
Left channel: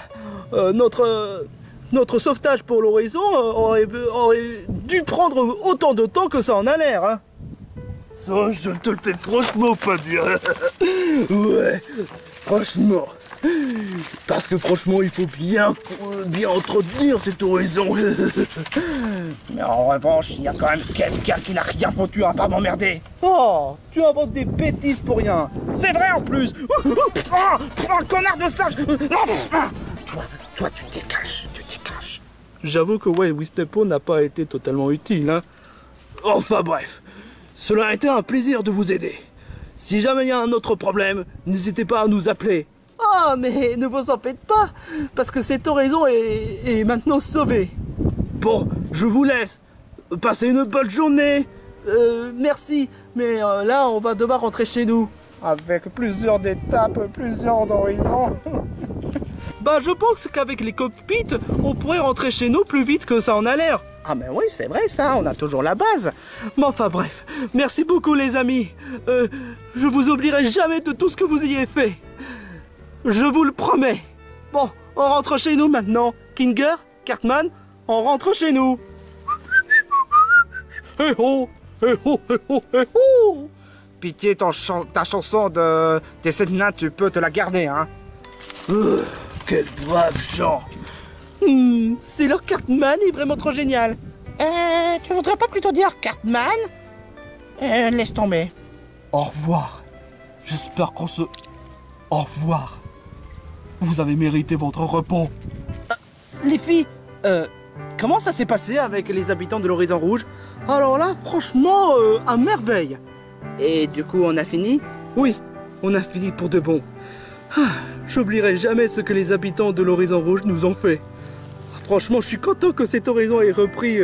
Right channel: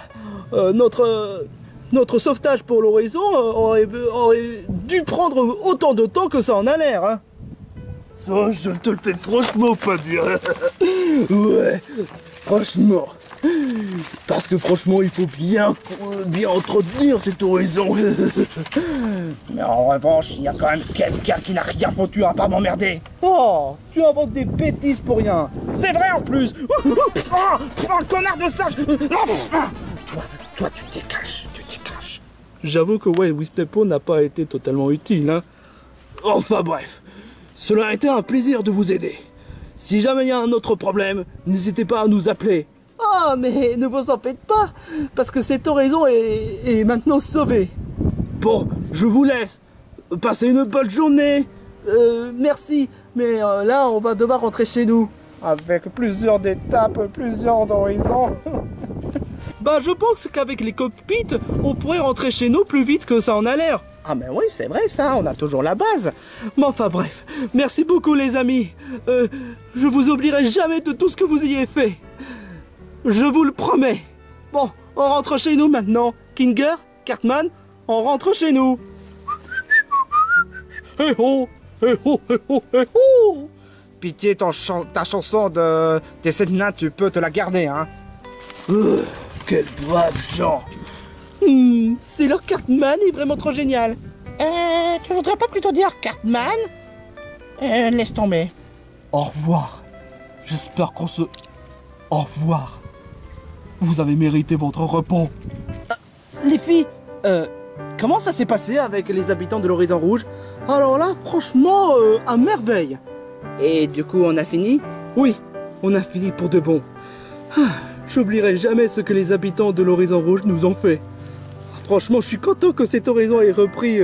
notre sauvetage pour l'horizon aurait dû prendre autant de temps que ça en a l'air, hein. Ça, je te le fais franchement pas dire. Ouais, franchement. Parce que franchement, il faut bien entretenir cet horizon. Mais en revanche, il y a quand même quelqu'un qui n'a rien foutu à part m'emmerder. Oh, tu inventes des bêtises pour rien. C'est vrai en plus. Connard de sage. Toi, tu te décaches. J'avoue que ouais, Wisnepo n'a pas été totalement utile, hein. Enfin bref, cela a été un plaisir de vous aider. Si jamais il y a un autre problème, n'hésitez pas à nous appeler. Oh, mais ne vous en faites pas, parce que cette oraison est maintenant sauvée. Bon, je vous laisse. Passez une bonne journée. Merci, mais là, on va devoir rentrer chez nous. Avec plusieurs étapes, plusieurs horizons. Bah, je pense qu'avec les cockpits, on pourrait rentrer chez nous plus vite que ça en a l'air. Ah, mais oui, c'est vrai, ça, on a toujours la base. Mais enfin bref, merci beaucoup les amis. Je vous oublierai jamais de tout ce que vous ayez fait. Je vous le promets. Bon, on rentre chez nous maintenant. Kinger, Cartman, on rentre chez nous. Eh oh, eh oh, eh oh, eh oh. Pitié, ta chanson des 7 nains, tu peux te la garder, hein. Quels braves gens. C'est leur Cartman est vraiment trop génial. Tu voudrais pas plutôt dire Cartman? Laisse tomber. Au revoir. J'espère qu'on se... Au revoir. Vous avez mérité votre repos. Les filles, comment ça s'est passé avec les habitants de l'Horizon Rouge? Alors là, franchement, à merveille. Et du coup, on a fini? Oui, on a fini pour de bon. J'oublierai jamais ce que les habitants de l'Horizon Rouge nous ont fait. Franchement, je suis content que cet horizon ait repris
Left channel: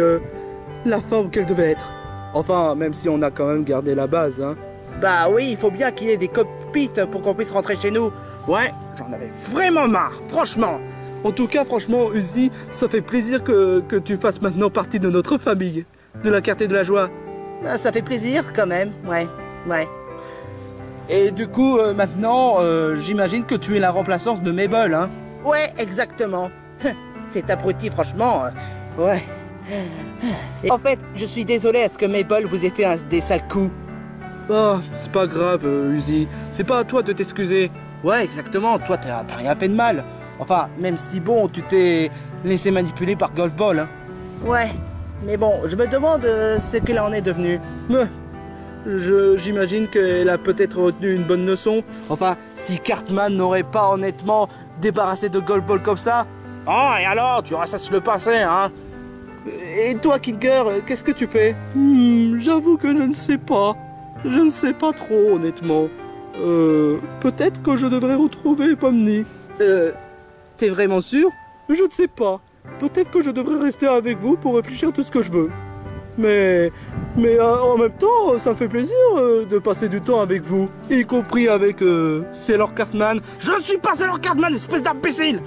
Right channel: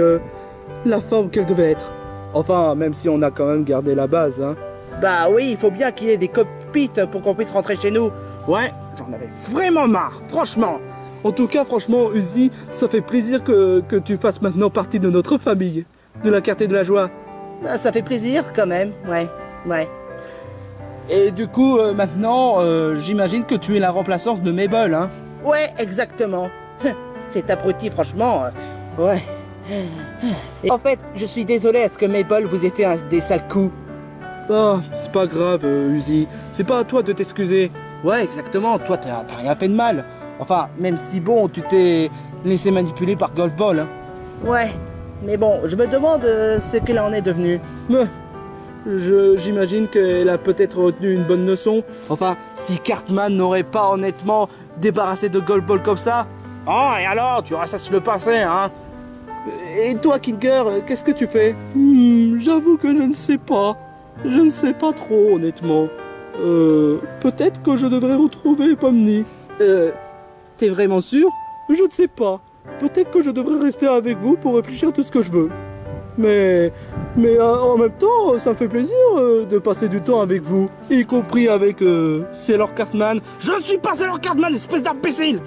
la forme qu'elle devait être. Enfin, même si on a quand même gardé la base, hein. Bah oui, il faut bien qu'il y ait des cockpits pour qu'on puisse rentrer chez nous. Ouais, j'en avais vraiment marre, franchement. En tout cas, franchement, Uzi, ça fait plaisir que tu fasses maintenant partie de notre famille, de la Quartier de la Joie. Bah, ça fait plaisir quand même, ouais. Et du coup, maintenant, j'imagine que tu es la remplaçante de Mabel, hein? Ouais, exactement. C'est abruti, franchement. Ouais. Et en fait, je suis désolé à ce que Mabel vous ait fait des sales coups. Oh, c'est pas grave, Uzi. C'est pas à toi de t'excuser. Ouais, exactement. Toi, t'as rien fait de mal. Enfin, même si bon, tu t'es laissé manipuler par Golf Ball, hein. Ouais. Mais bon, je me demande ce qu'elle en est devenue. J'imagine qu'elle a peut-être retenu une bonne leçon. Enfin, si Cartman n'aurait pas honnêtement débarrassé de Golf Ball comme ça. Oh, et alors, tu ressasses le passé, hein? Et toi, Kinger, qu'est-ce que tu fais? J'avoue que je ne sais pas. Je ne sais pas trop, honnêtement. Peut-être que je devrais retrouver Pomni. T'es vraiment sûr? Je ne sais pas. Peut-être que je devrais rester avec vous pour réfléchir tout ce que je veux. Mais en même temps, ça me fait plaisir de passer du temps avec vous. Y compris avec Sailor Cartman. Je ne suis pas Sailor Cartman, espèce d'imbécile!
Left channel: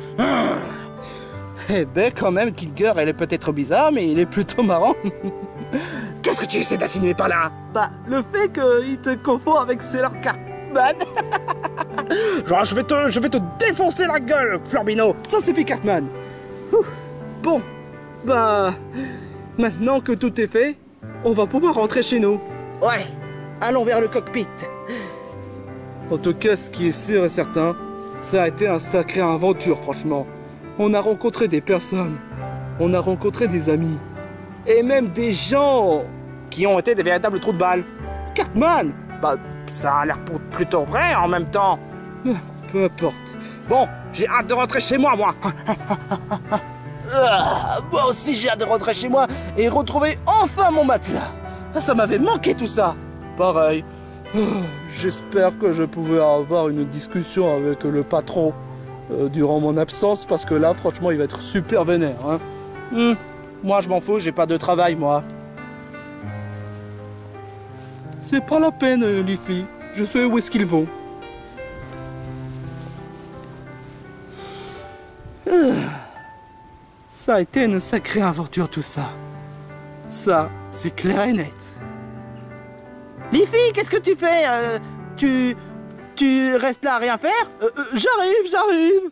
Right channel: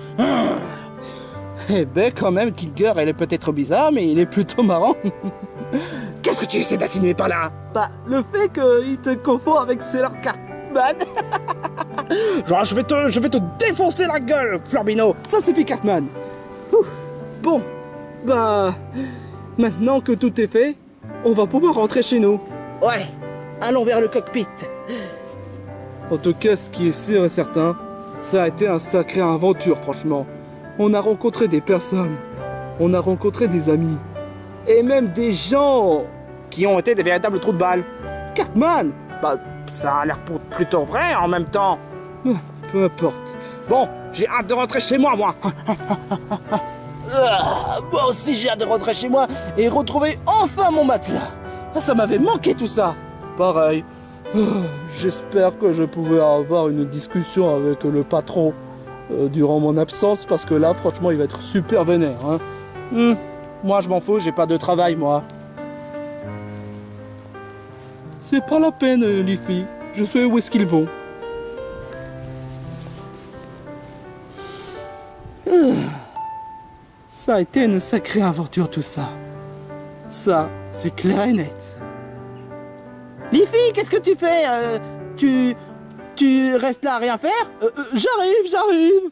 Eh ben, quand même, Kinger, elle est peut-être bizarre, mais il est plutôt marrant. Qu'est-ce que tu essaies d'insinuer par là? Bah, le fait qu'il te confond avec Sailor Cartman. Genre, je vais te défoncer la gueule, Florbino! Ça suffit, Cartman. Bon, bah, maintenant que tout est fait, on va pouvoir rentrer chez nous. Ouais, allons vers le cockpit. En tout cas, ce qui est sûr et certain, ça a été un sacré aventure, franchement. On a rencontré des personnes, on a rencontré des amis, et même des gens qui ont été des véritables trous de balle. Cartman! Bah, ça a l'air plutôt vrai en même temps. Peu importe. Bon, j'ai hâte de rentrer chez moi, moi. Moi aussi j'ai hâte de rentrer chez moi et retrouver enfin mon matelas. Ça m'avait manqué tout ça. Pareil. J'espère que je pouvais avoir une discussion avec le patron durant mon absence, parce que là franchement il va être super vénère, hein. Moi je m'en fous, j'ai pas de travail moi. C'est pas la peine, les filles. Je sais où est-ce qu'ils vont. Ça a été une sacrée aventure tout ça. Ça, c'est clair et net. Les filles, qu'est-ce que tu fais? Tu restes là à rien faire? J'arrive.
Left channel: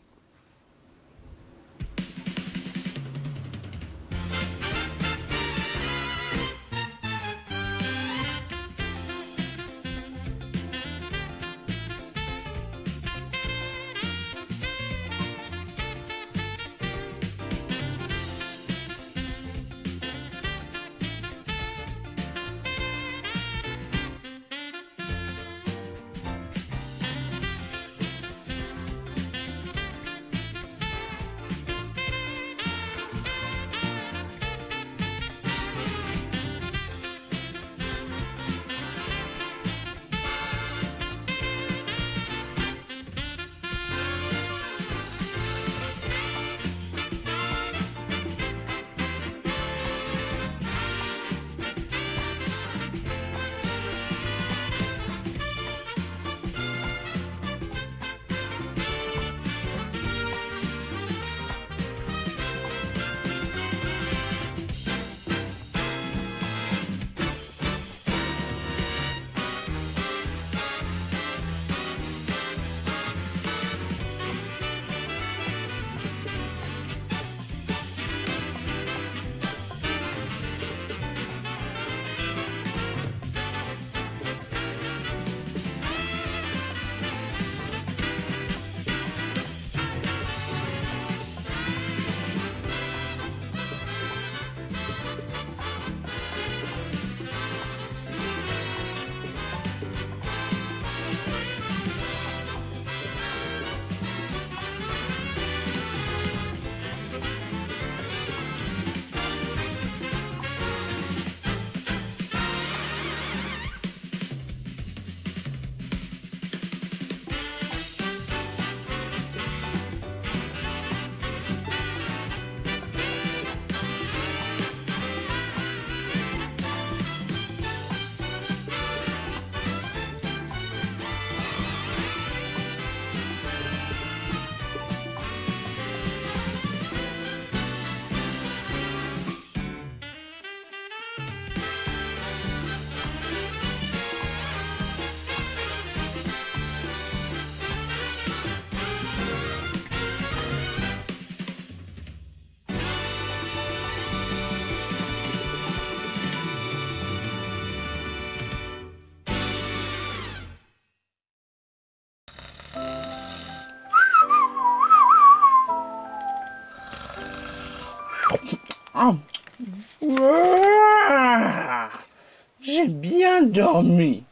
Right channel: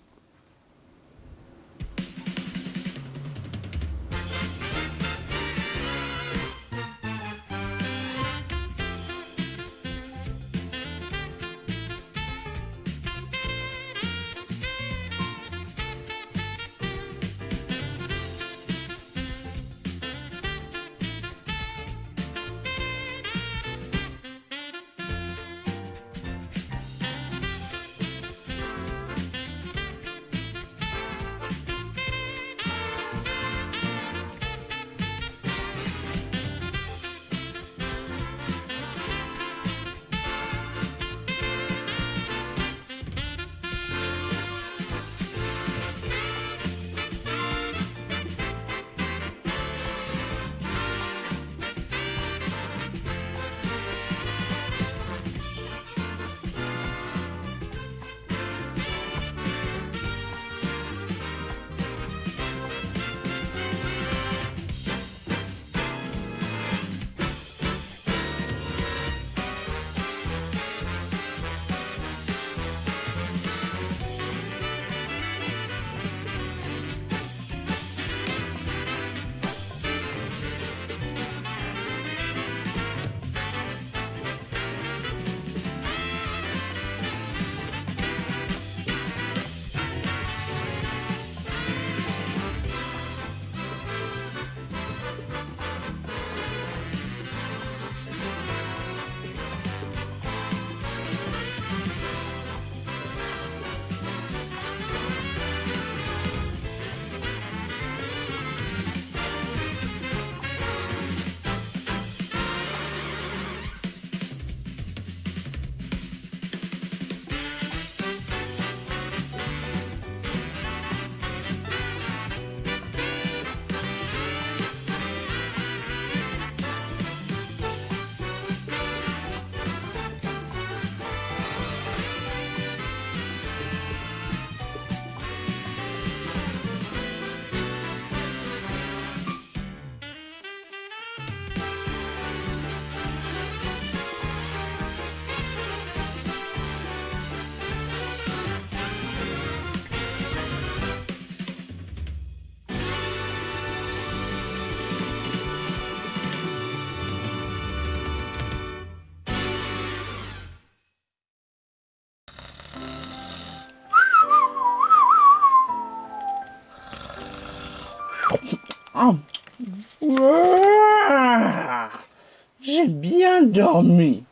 J'ai bien dormi.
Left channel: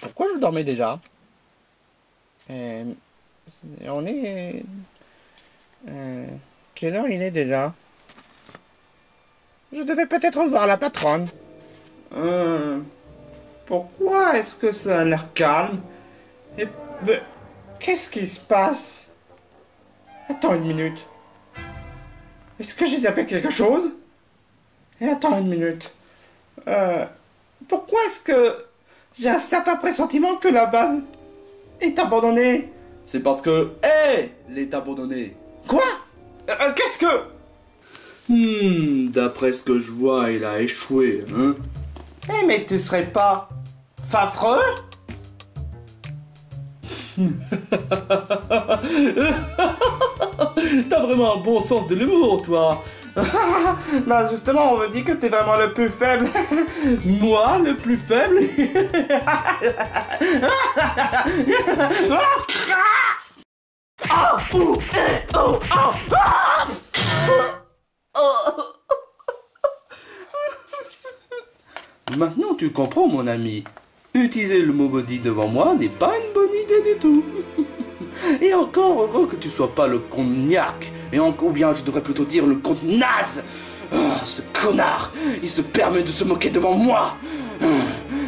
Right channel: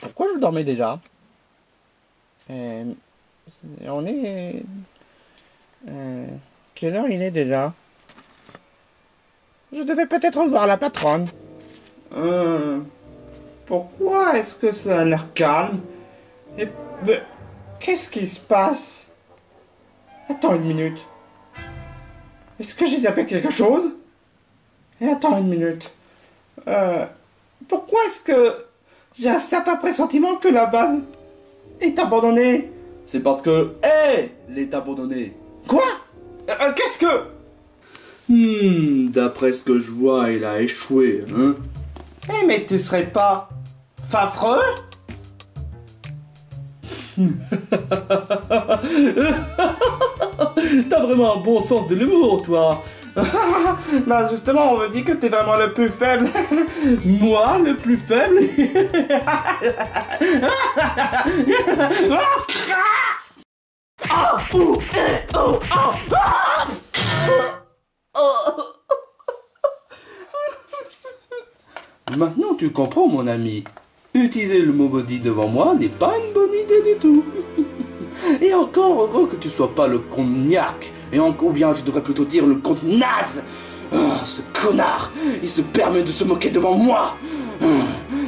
Pourquoi je dormais déjà? On est... quelle heure il est déjà? Je devais peut-être revoir la patronne. Pourquoi est-ce que ça a l'air calme? Et qu'est-ce qui se passe? Attends une minute. Est-ce que j'ai zappé quelque chose? Et attends une minute. Pourquoi est-ce que j'ai un certain pressentiment que la base est abandonnée? C'est parce que elle est abandonnée. Quoi? Qu'est-ce que... D'après ce que je vois, il a échoué, hein? Eh mais tu serais pas... Fafreux? T'as vraiment un bon sens de l'humour, toi. Bah justement, on me dit que t'es vraiment le plus faible. Moi, le plus faible? Maintenant, tu comprends, mon ami. Utiliser le mot body devant moi n'est pas une bonne idée du tout. Et encore heureux que tu sois pas le cognac. Ou bien je devrais plutôt dire le compte naze. Ce connard, il se permet de se moquer devant moi.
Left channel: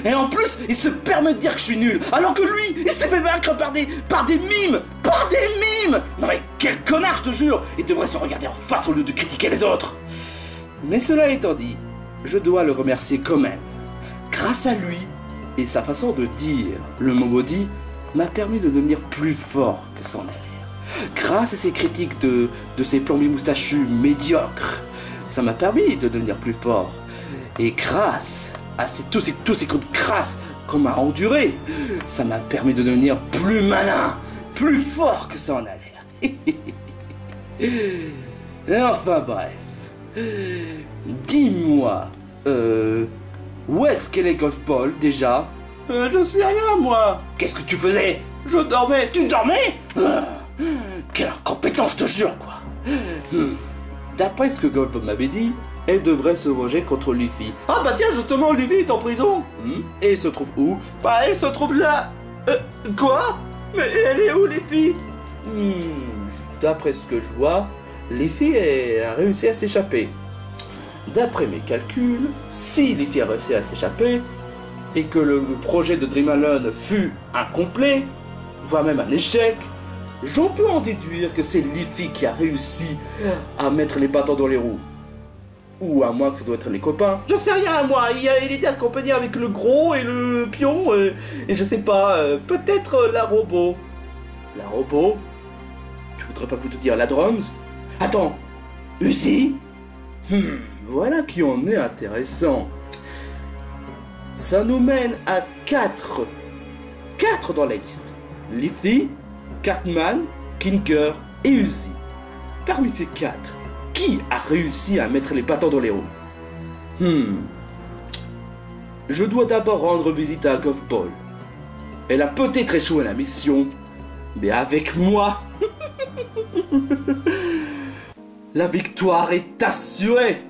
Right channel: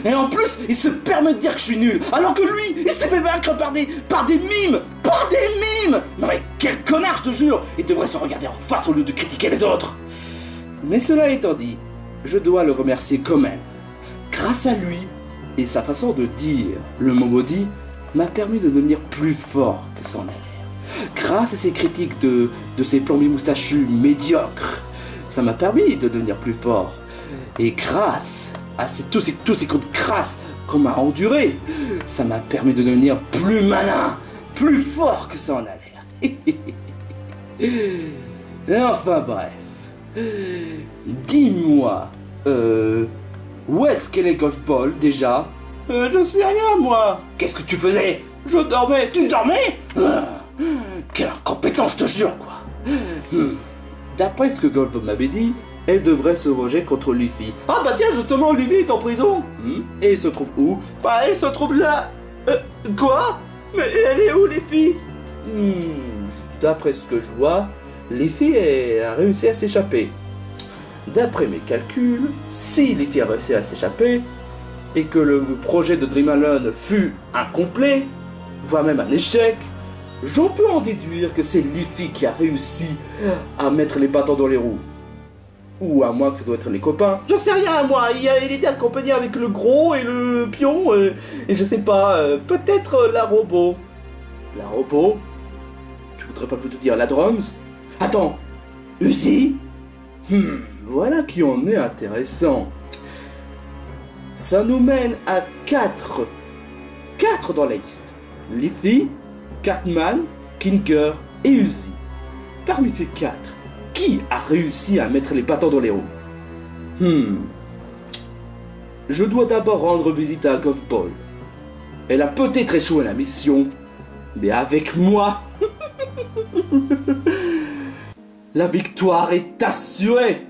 Et en plus, il se permet de dire que je suis nul. Alors que lui, il s'est fait vaincre par des mimes. Par des mimes. Non mais quel connard, je te jure. Il devrait se regarder en face au lieu de critiquer les autres. Mais cela étant dit, je dois le remercier quand même. Grâce à lui et sa façon de dire le mot body m'a permis de devenir plus fort que ça en a l'air. Grâce à ses critiques de ses plombiers moustachus médiocres, ça m'a permis de devenir plus fort. Et grâce à tous ces coups de crasse qu'on m'a endurés, ça m'a permis de devenir plus malin, plus fort que ça en a l'air. Et enfin bref, dis-moi, où est-ce qu'est les golf balls déjà? Je sais rien moi. Qu'est-ce que tu faisais? Je dormais. Tu dormais? Quelle incompétence, je te jure quoi. D'après ce que Golf m'avait dit, elle devrait se venger contre Luffy. Ah bah tiens, justement, Luffy est en prison. Et il se trouve où? Bah elle se trouve là. Quoi? Mais elle est où, Luffy? D'après ce que je vois, Luffy a réussi à s'échapper. D'après mes calculs, si Luffy a réussi à s'échapper, et que le projet de Dream Alone fut incomplet, voire même un échec, j'en peux en déduire que c'est Luffy qui a réussi à mettre les bâtons dans les roues. Ou à moins que ça doit être les copains. Je sais rien, moi, il était accompagné avec le gros et le pion, et je sais pas, peut-être la robot. La robot? Tu voudrais pas plutôt dire la drums? Attends, Uzi? Voilà qui en est intéressant. Ça nous mène à 4 dans la liste. Luffy, Catman, Kinker et Uzi. Parmi ces 4, qui a réussi à mettre les bâtons dans les roues? Je dois d'abord rendre visite à Golf Ball. Elle a peut-être échoué à la mission, mais avec moi, la victoire est assurée.